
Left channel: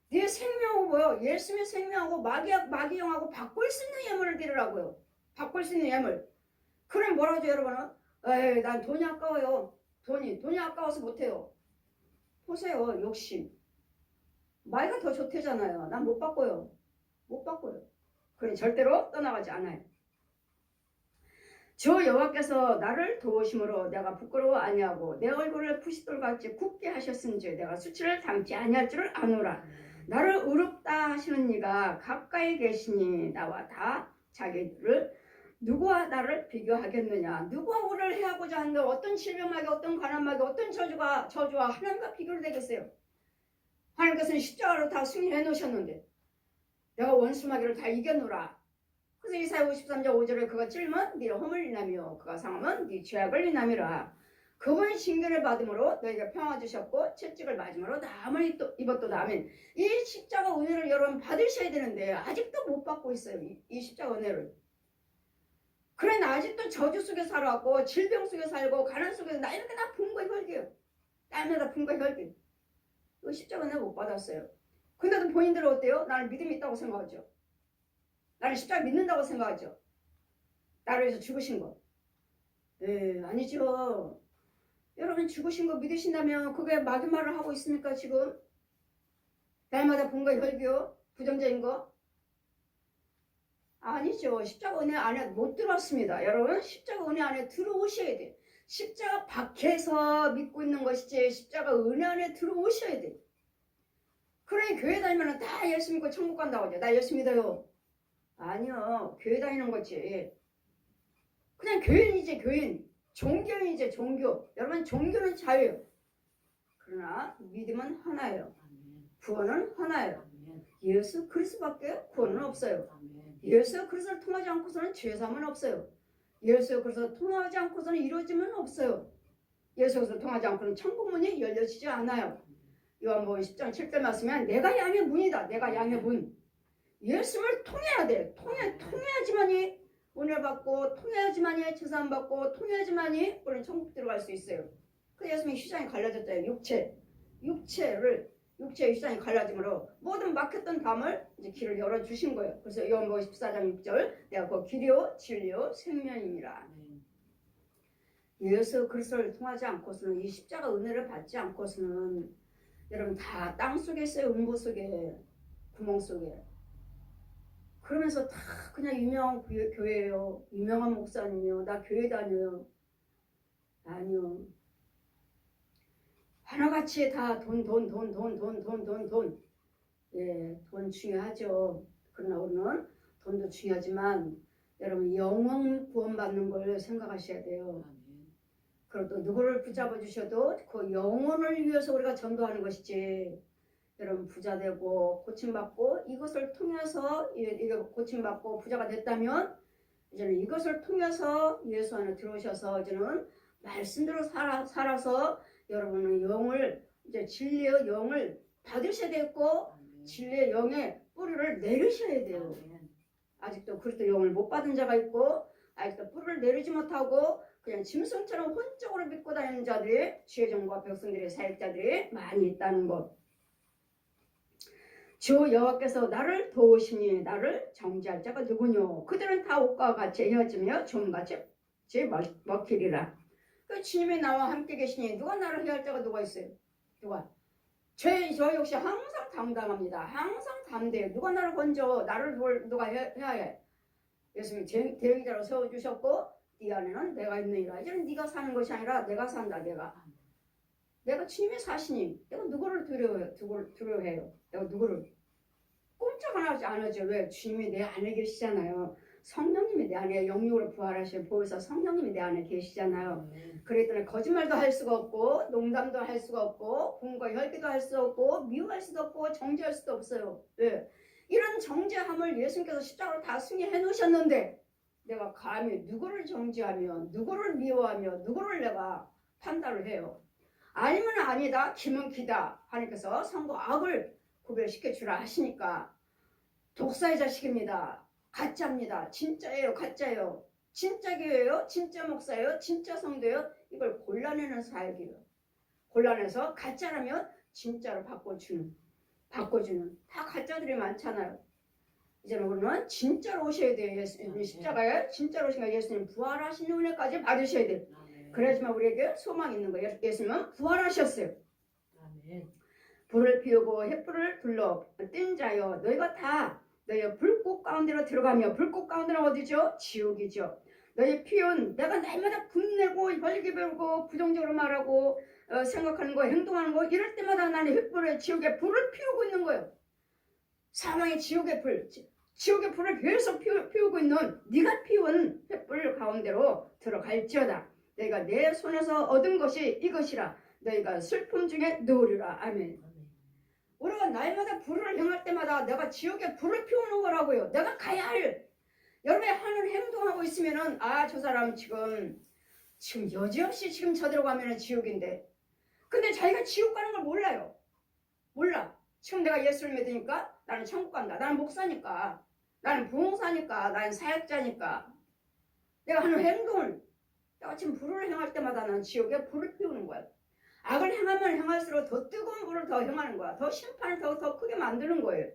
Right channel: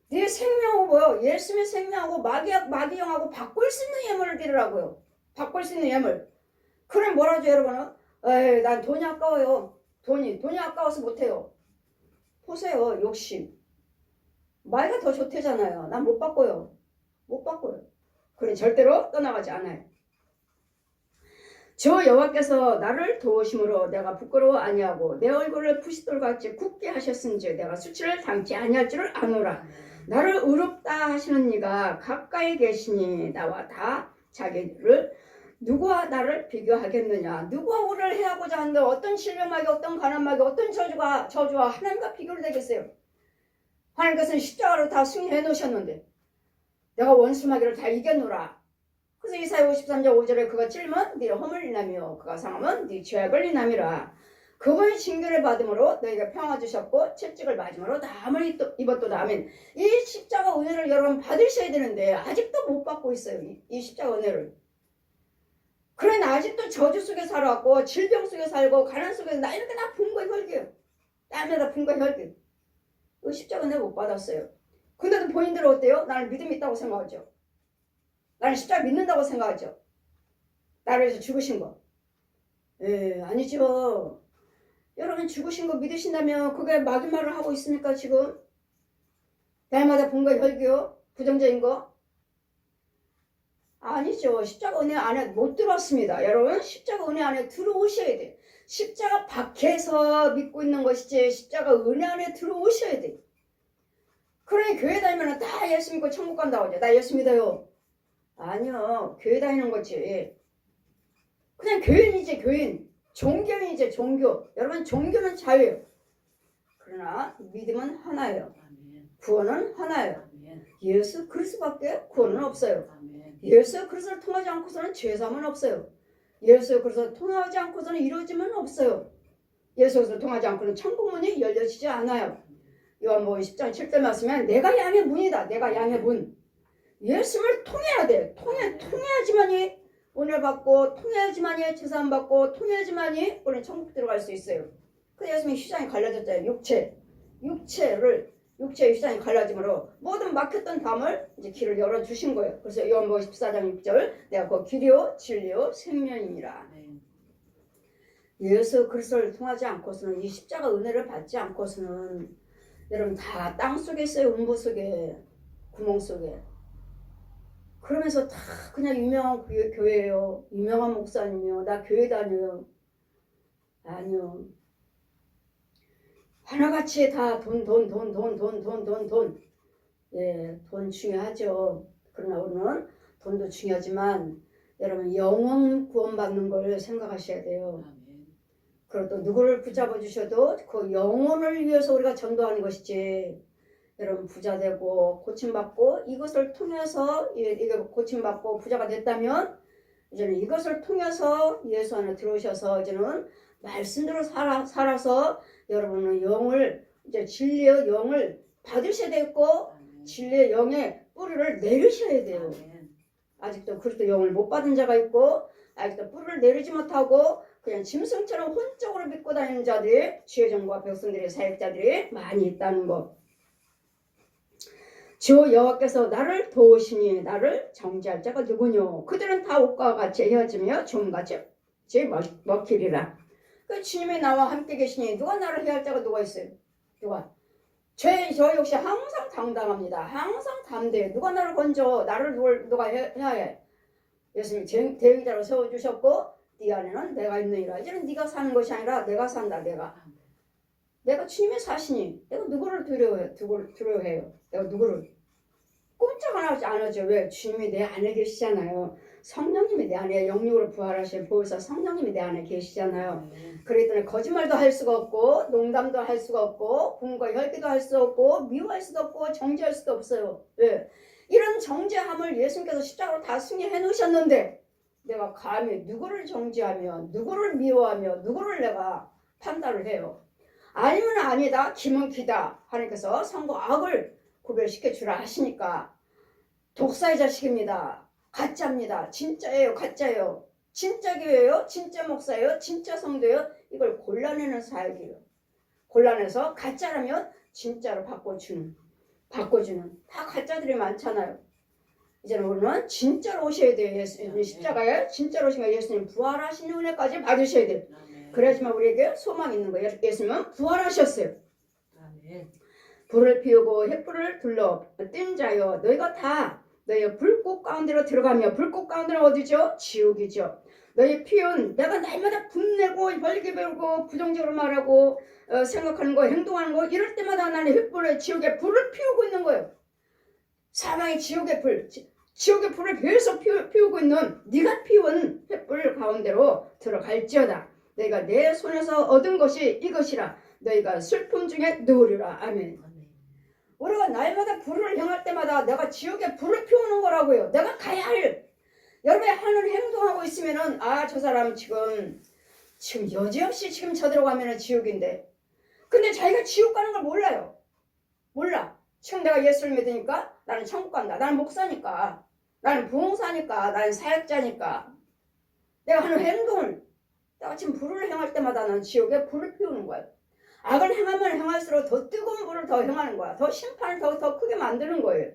네 생명하고 예수님의 생명하고 마귀영하고 바꿀 수 있는 예물을 드리라고요. 바꿀 수 있는 예물. 그럼 뭐라 하죠 여러분은? 에이 난 돈이 아까워요. 돈이 아까워서 못해요. 보세요. 욕심. 마귀가 더 좋대잖아요. 난 못 바꿔요. 그래 절대로 떠나가지 않아요. 주 여호와께서 나를 도우심으로 내가 부끄러워 아니하고 내 얼굴을 부싯돌같이 굳게 하셨은지 내가 수치를 당치 아니할 줄을 아노라. 나를 의롭다 하시는 이가 가까이 계시니 나와 다 자기를 누구와 나를 비교하겠느냐. 누구와 우리를 해하고자 하는데 어떤 신령하게 어떤 가난하게 어떤 저주와 하나님과 비교를 되겠어요. 하나님께서는 십자가로 다 승리해 놓으셨는데 내가 원수마귀를 다 이겼노라. 그래서 이사야 53장 5절에 그가 찔면 네 허물 인하며 그가 상하면 네 죄악을 인함이라. 그분이 징계를 받음으로 너희가 평화 주셨고 채찍을 맞음으로 남을 입었도다. 아멘. 이 십자가 은혜를 여러분 받으셔야 되는데 아직도 못 받고 있어요. 이 십자가 은혜를. 그래 나 아직도 저주 속에 살아왔고 질병 속에 살고 가난 속에 나 이렇게 나 분과 혈기예요. 땀에다 분과 혈기. 그 십자가 은혜 못 받았어요. 근데도 본인들은 어때요? 나는 믿음이 있다고 생각하죠. 나는 십자가 믿는다고 생각하죠. 나를 위해서 죽으신 거. 아니죠. 여러분 죽으신 거 믿으신다면 그게 막인 말을 하고 있습니까 지금? 날마다 분과 혈기요? 부정적인 거? 아니죠. 십자가 은혜 안에 못 들어왔습니다. 여러분 십자가 은혜 안에 들어오셔야 돼. 십자가 밖에서 믿고 있는 것이지 십자가 은혜 안에 들어오셔야 돼. 그러니 교회 다니면 다 예수 믿고 천국 간다고 하죠. 나 예수 믿어요. 아니요. 교회 다니는 거지. 그냥 교인이지 교인. 종교인이지 종교. 여러분 종교는 자유예요. 그러나 믿음은 하나예요. 구원은 하나예요. 예수 그리스도밖에 구원은 없어요. 예수 그리스도를 통하지 않고서는 죄사함은 없어요. 예수 그리스도를 통하지 않고서는 이루어짐은 없어요. 예수 그리스도를 통하지 않고는 천국문이 열려지지 않아요. 요한복음 10장 7절 말씀은 내가 양의 문이다. 내가 양의 문. 예수를 통해야 돼. 통해야지만이 은혜 받고 통해야지만이 제사함 받고 통해야지만이 우리는 천국 들어갈 수 있어요. 그래서 예수님이 휘장이 갈라졌잖아요. 육체의 휘장이 갈라짐으로 모든 막혔던 담을 이제 길을 열어주신 거예요. 그래서 요한복음 14장 6절 내가 그 길이요 진리요 생명이니라. 예수 그리스도를 통하지 않고서는 이 십자가 은혜를 받지 않고서는 여러분 다 땅 속에 있어요. 음부 속에 구멍 속에. 그러면서 다 그냥 유명한 교회예요. 유명한 목사님이요. 나 교회 다녀요. 아니요. 하나같이 다 돈. 예, 돈 중요하죠. 그러나 우리는 돈도 중요하지만 여러분 영혼 구원받는 걸 생각하셔야 돼요. 그리고 또 누구를 붙잡아 주셔도 그 영혼을 위해서 우리가 전도하는 것이지. 여러분 부자 되고 고침받고 이것을 통해서 이게 고침받고 부자가 됐다면 이제는 이것을 통해서 예수 안에 들어오셔서 이제는 말씀대로 살아서 여러분은 영을 이제 진리의 영을 받으셔야 되고 진리의 영의 뿌리를 내리셔야 돼요. 아직도 그리스도 영을 못 받은 자가 있고 아직도 뿌리를 내리지 못하고 그냥 짐승처럼 혼적으로 믿고 다니는 자들이 지혜정과 백성들의 사역자들이 많이 있다는 것. 주 여호와께서 나를 도우시니 나를 정죄할 자가 누구뇨? 그들은 다 옷과 같이 헤어지며 좀같이 먹히리라. 그 주님이 나와 함께 계시니 누가 나를 해할 자가 누가 있어요? 누가? 저 역시 항상 당당합니다. 항상 담대해. 누가 나를 건져? 나를 누가 해야 해? 예수님이 대의자로 세워주셨고 네 안에는 내가 있느니라. 이제는 네가 사는 것이 아니라 내가 산다. 내가 주님의 사시니 내가 누구를 두려워해요? 내가 누구를? 꼼짝 안 하죠. 왜? 주님이 내 안에 계시잖아요. 성령님이 내 안에 영육으로 부활하신 보혜사 성령님이 내 안에 계시잖아요. 그렇기 때문에 거짓말도 할 수가 없고 농담도 할 수가 없고 공과 혈기도 할 수 없고 미워할 수도 없고 정죄할 수도 없어요. 왜? 이런 정죄함을 예수님께서 십자가로 다 승리해 놓으셨는데 내가 감히 누구를 정죄하며 누구를 미워하며 누구를 내가 판단을 해요. 아니면 아니다, 기면 기다. 하나님께서 선과 악을 구별시켜 주라 하시니까 독사의 자식입니다. 가짜입니다. 진짜예요. 가짜예요. 진짜 교회예요. 진짜 목사예요. 진짜 성도예요. 이걸 골라내는 사역이에요. 골라내서 가짜라면 진짜로 바꿔주는 다 가짜들이 많잖아요. 이제는 우리는 진짜로 오셔야 돼요. 예수님 십자가에 진짜로 오시면 예수님 부활하신 은혜까지 받으셔야 돼요. 그래야지만 우리에게 소망이 있는 거예요. 예수님은 부활하셨어요. 불을 피우고 횃불을 둘러 뜬 자여 너희가 다 너희의 불꽃 가운데로 들어가며 불꽃 가운데는 어디죠? 지옥이죠. 너희 피운 내가 날마다 분내고 벌게 배우고 부정적으로 말하고 생각하는 거 행동하는 거 이럴 때마다 나는 횃불에 지옥의 불을 피우고 있는 거예요. 사망의 지옥의 불, 지옥의 불을 계속 피우고 있는 네가 피운 횃불 가운데로 들어갈지어다. 너희가 내 손에서 얻은 것이 이것이라. 너희가 슬픔 중에 누우리라. 아멘. 우리가 날마다 불을 향할 때마다 내가 지옥의 불을 피우는 거라고요. 내가 가야 할, 여러분이 하는 행동하고 있으면은 저 사람 지금 여지없이 지금 저대로 가면은 지옥인데, 근데 자기가 지옥 가는 걸 몰라요. 몰라. 지금 내가 예수를 믿으니까 나는 천국 간다. 나는 목사니까, 나는 부흥사니까, 나는 사역자니까, 내가 하는 행동을, 내가 지금 불을 향할 때마다 나는 지옥에 불을 피우는 거야. 악을 행하면 행할수록 더 뜨거운 불을 더 행하는 거야. 더 심판을 더 크게 만드는 거예요.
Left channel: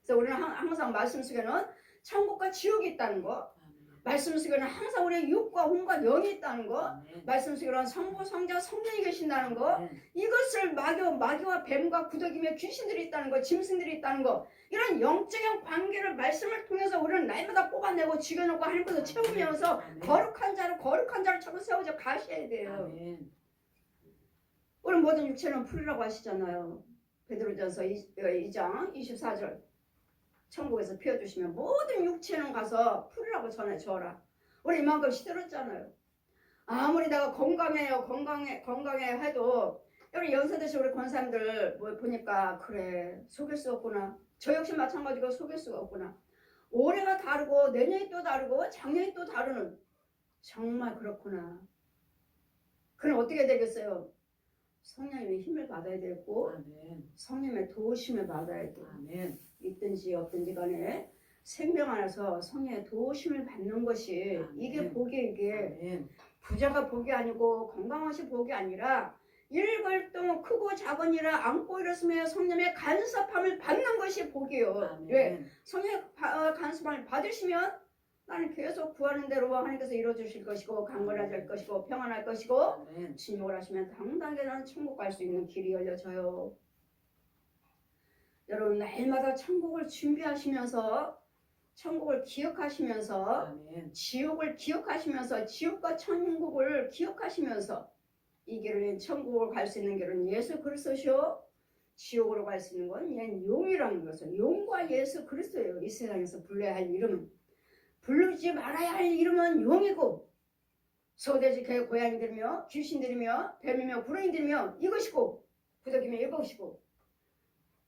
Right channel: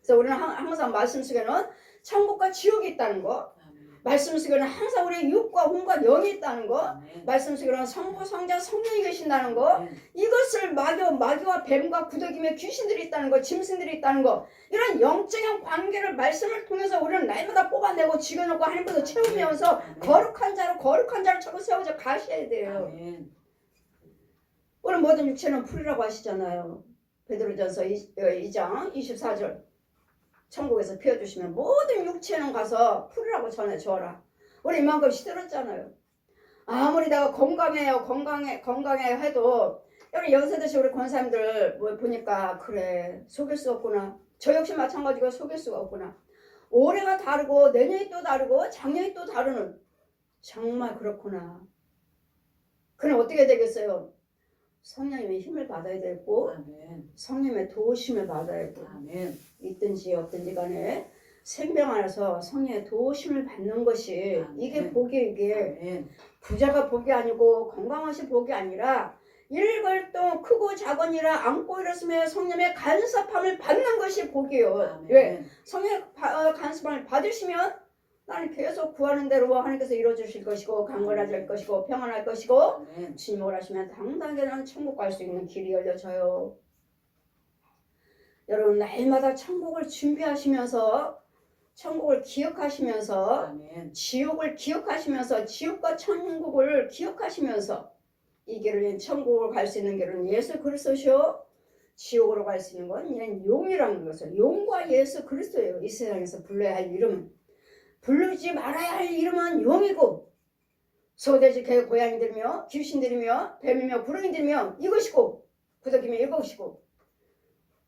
그래서 우리는 항상 말씀 속에는 천국과 지옥이 있다는 거, 말씀 속에는 항상 우리의 육과 혼과 영이 있다는 거, 말씀 속에는 성부, 성자, 성령이 계신다는 거, 이것을 마귀와 뱀과 구더기며 귀신들이 있다는 거, 짐승들이 있다는 거, 이런 영적인 관계를 말씀을 통해서 우리는 날마다 뽑아내고 죽여놓고 하나님께서 채우면서 거룩한 자로 자꾸 세워져 가셔야 돼요. 오늘 모든 육체는 풀이라고 하시잖아요. 베드로전서 2장 24절. 천국에서 피워주시면 모든 육체는 가서 풀이라고 전해줘라. 우리 이만큼 시들었잖아요. 아무리 내가 건강해 해도 여러분 연세드신 우리 권사님들 보니까 그래 속일 수 없구나. 저 역시 마찬가지고 속일 수가 없구나. 올해가 다르고 내년이 또 다르고 작년이 또 다르는, 정말 그렇구나. 그럼 어떻게 되겠어요? 성령님의 힘을 받아야 되고, 아멘. 성령님의 도우심을 받아야 되고, 아멘. 있든지 없든지 간에 생명 안에서 성령의 도우심을 받는 것이, 아멘. 이게 복이, 이게 아멘. 부자가 복이 아니고 건강하신 복이 아니라 일괄동 크고 작은이라 안고 일었으며 성령의 간섭함을 받는 것이 복이에요. 아멘. 왜? 성령의 간섭함을 받으시면 나는 계속 구하는 대로 하나님께서 이루어주실 것이고 강건해질 것이고 평안할 것이고, 네. 주님 원하시면 당당하게 나는 천국 갈 수 있는 길이 열려져요. 여러분 날마다 천국을 준비하시면서, 천국을 기억하시면서, 아멘. 지옥을 기억하시면서, 지옥과 천국을 기억하시면서, 이 길은 천국으로 갈 수 있는 길은 예수 그리스도시요, 지옥으로 갈 수 있는 건 얘는 용이라는 것을, 용과 예수 그리스도예요. 이 세상에서 불러야 할 이름은. 부르지 말아야 할 이름은 용이고, 소돼지 개 고양이들이며 귀신들이며 뱀이며 구렁이들이며 이것이고 구더기며 이것이고,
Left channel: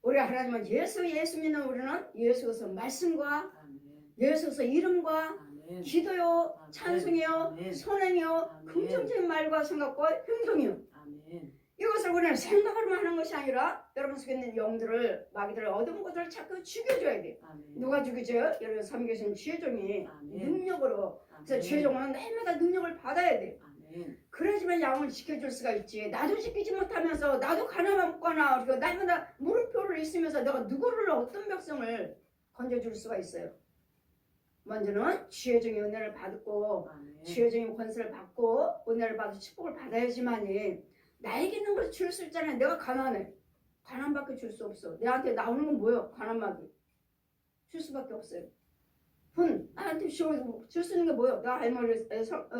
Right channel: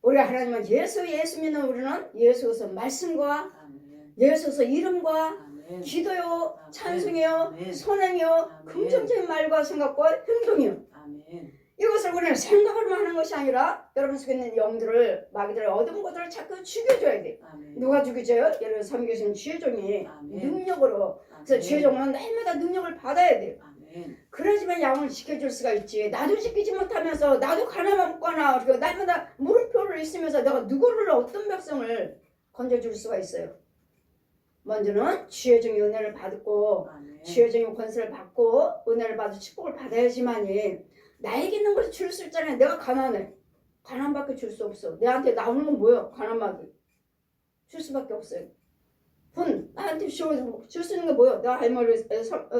우리 하나님은 예수 믿는 우리는 예수에서 말씀과, 아멘. 예수에서 이름과, 아멘. 기도요, 아멘. 찬송이요, 아멘. 선행이요, 아멘. 긍정적인 말과 생각과 행동이요, 아멘. 이것을 우리는 생각으로만 하는 것이 아니라 여러분 속에 있는 영들을, 마귀들을, 어두운 것들을 자꾸 죽여줘야 돼. 아멘. 누가 죽여줘요? 여러분 섬기신 지혜종이, 아멘. 능력으로. 아멘. 그래서 지혜종은 날마다 능력을 받아야 돼. 아멘. 그래야지만 양을 지켜줄 수가 있지. 나도 지키지 못하면서 나도 가나먹거나 날마다 물음표를 있으면서 내가 누구를, 어떤 백성을 건져줄 수가 있어요. 먼저는 지혜종의 은혜를 받고, 아멘. 지혜종의 권세를 받고 은혜를 받아 축복을 받아야지만이 나에게 있는 것을 줄 수 있잖아요. 내가 가난해. 가난밖에 줄 수 없어. 내한테 나오는 건 뭐예요? 가난밖에. 줄 수밖에 없어요. 나한테 줄 수 있는 게 뭐예요? 내가 할머니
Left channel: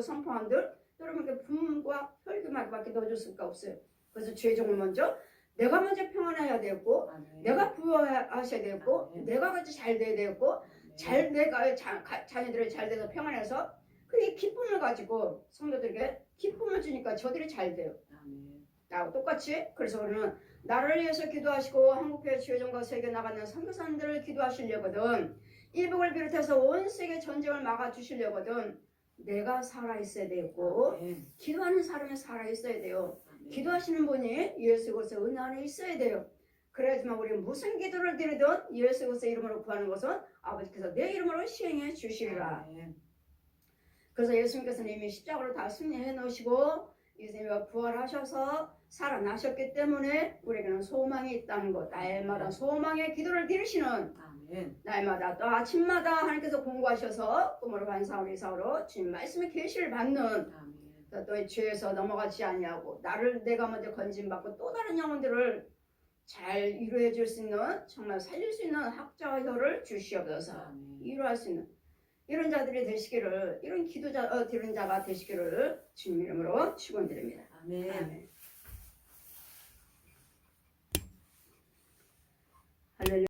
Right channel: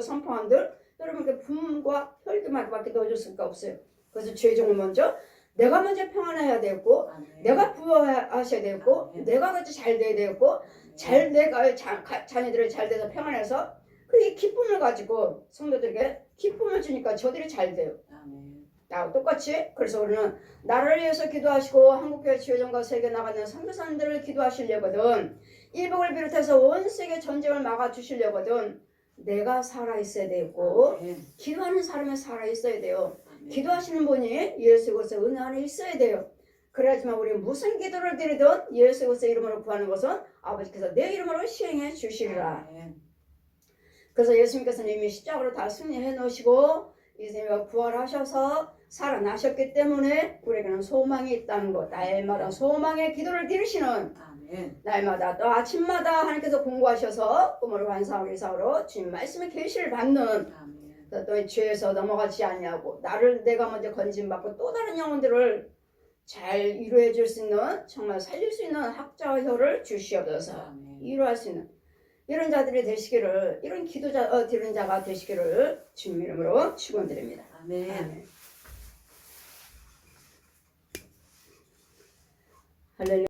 선포한들 여러분께 분과 혈기밖에 넣어줄 수가 없어요. 그래서 죄종을 먼저 내가 먼저 평안해야 되고, 아멘. 내가 부여하셔야 되고, 아멘. 내가 같이 잘 돼야 되고, 잘 내가 자녀들이 잘 돼서 평안해서 그 기쁨을 가지고 성도들에게 기쁨을 주니까 저들이 잘 돼요. 나하고 똑같이. 그래서 우리는 나라를 위해서 기도하시고 한국교회 지회장과 세계 나가는 선교사님들을 기도하시려거든, 일복을 비롯해서 온 세계 전쟁을 막아주시려거든 내가 살아있어야 되고, 기도하는 사람이 살아있어야 돼요. 기도하시는 분이 예수 그리스도의 은혜 안에 있어야 돼요. 그래야지만 우리 무슨 기도를 드리든 예수 그리스도의 이름으로 구하는 것은 아버지께서 내 이름으로 시행해 주시리라. 그래서 예수님께서는 이미 십자가로 다 승리해 놓으시고 예수님이 부활하셔서 살아나셨기 때문에 우리에게는 소망이 있다는 것. 날마다 소망의 기도를 드리시는, 아멘. 날마다 또 아침마다 하나님께서 공부하셔서 꿈으로 환상으로 이상으로 주님 말씀의 계시를 받는, 또 죄에서 넘어가지 아니하고 나를 내가 먼저 건진받고 또 다른 영혼들을 잘 이루어 줄 수 있는, 정말 살릴 수 있는 학자와 혀를 주시옵소서. 이루할 수 있는, 이런 자들이 되시기를, 이런 기도자 드리는 자가 되시기를 주님 이름으로 축원드립니다. 아멘. 아멘. 할렐루야.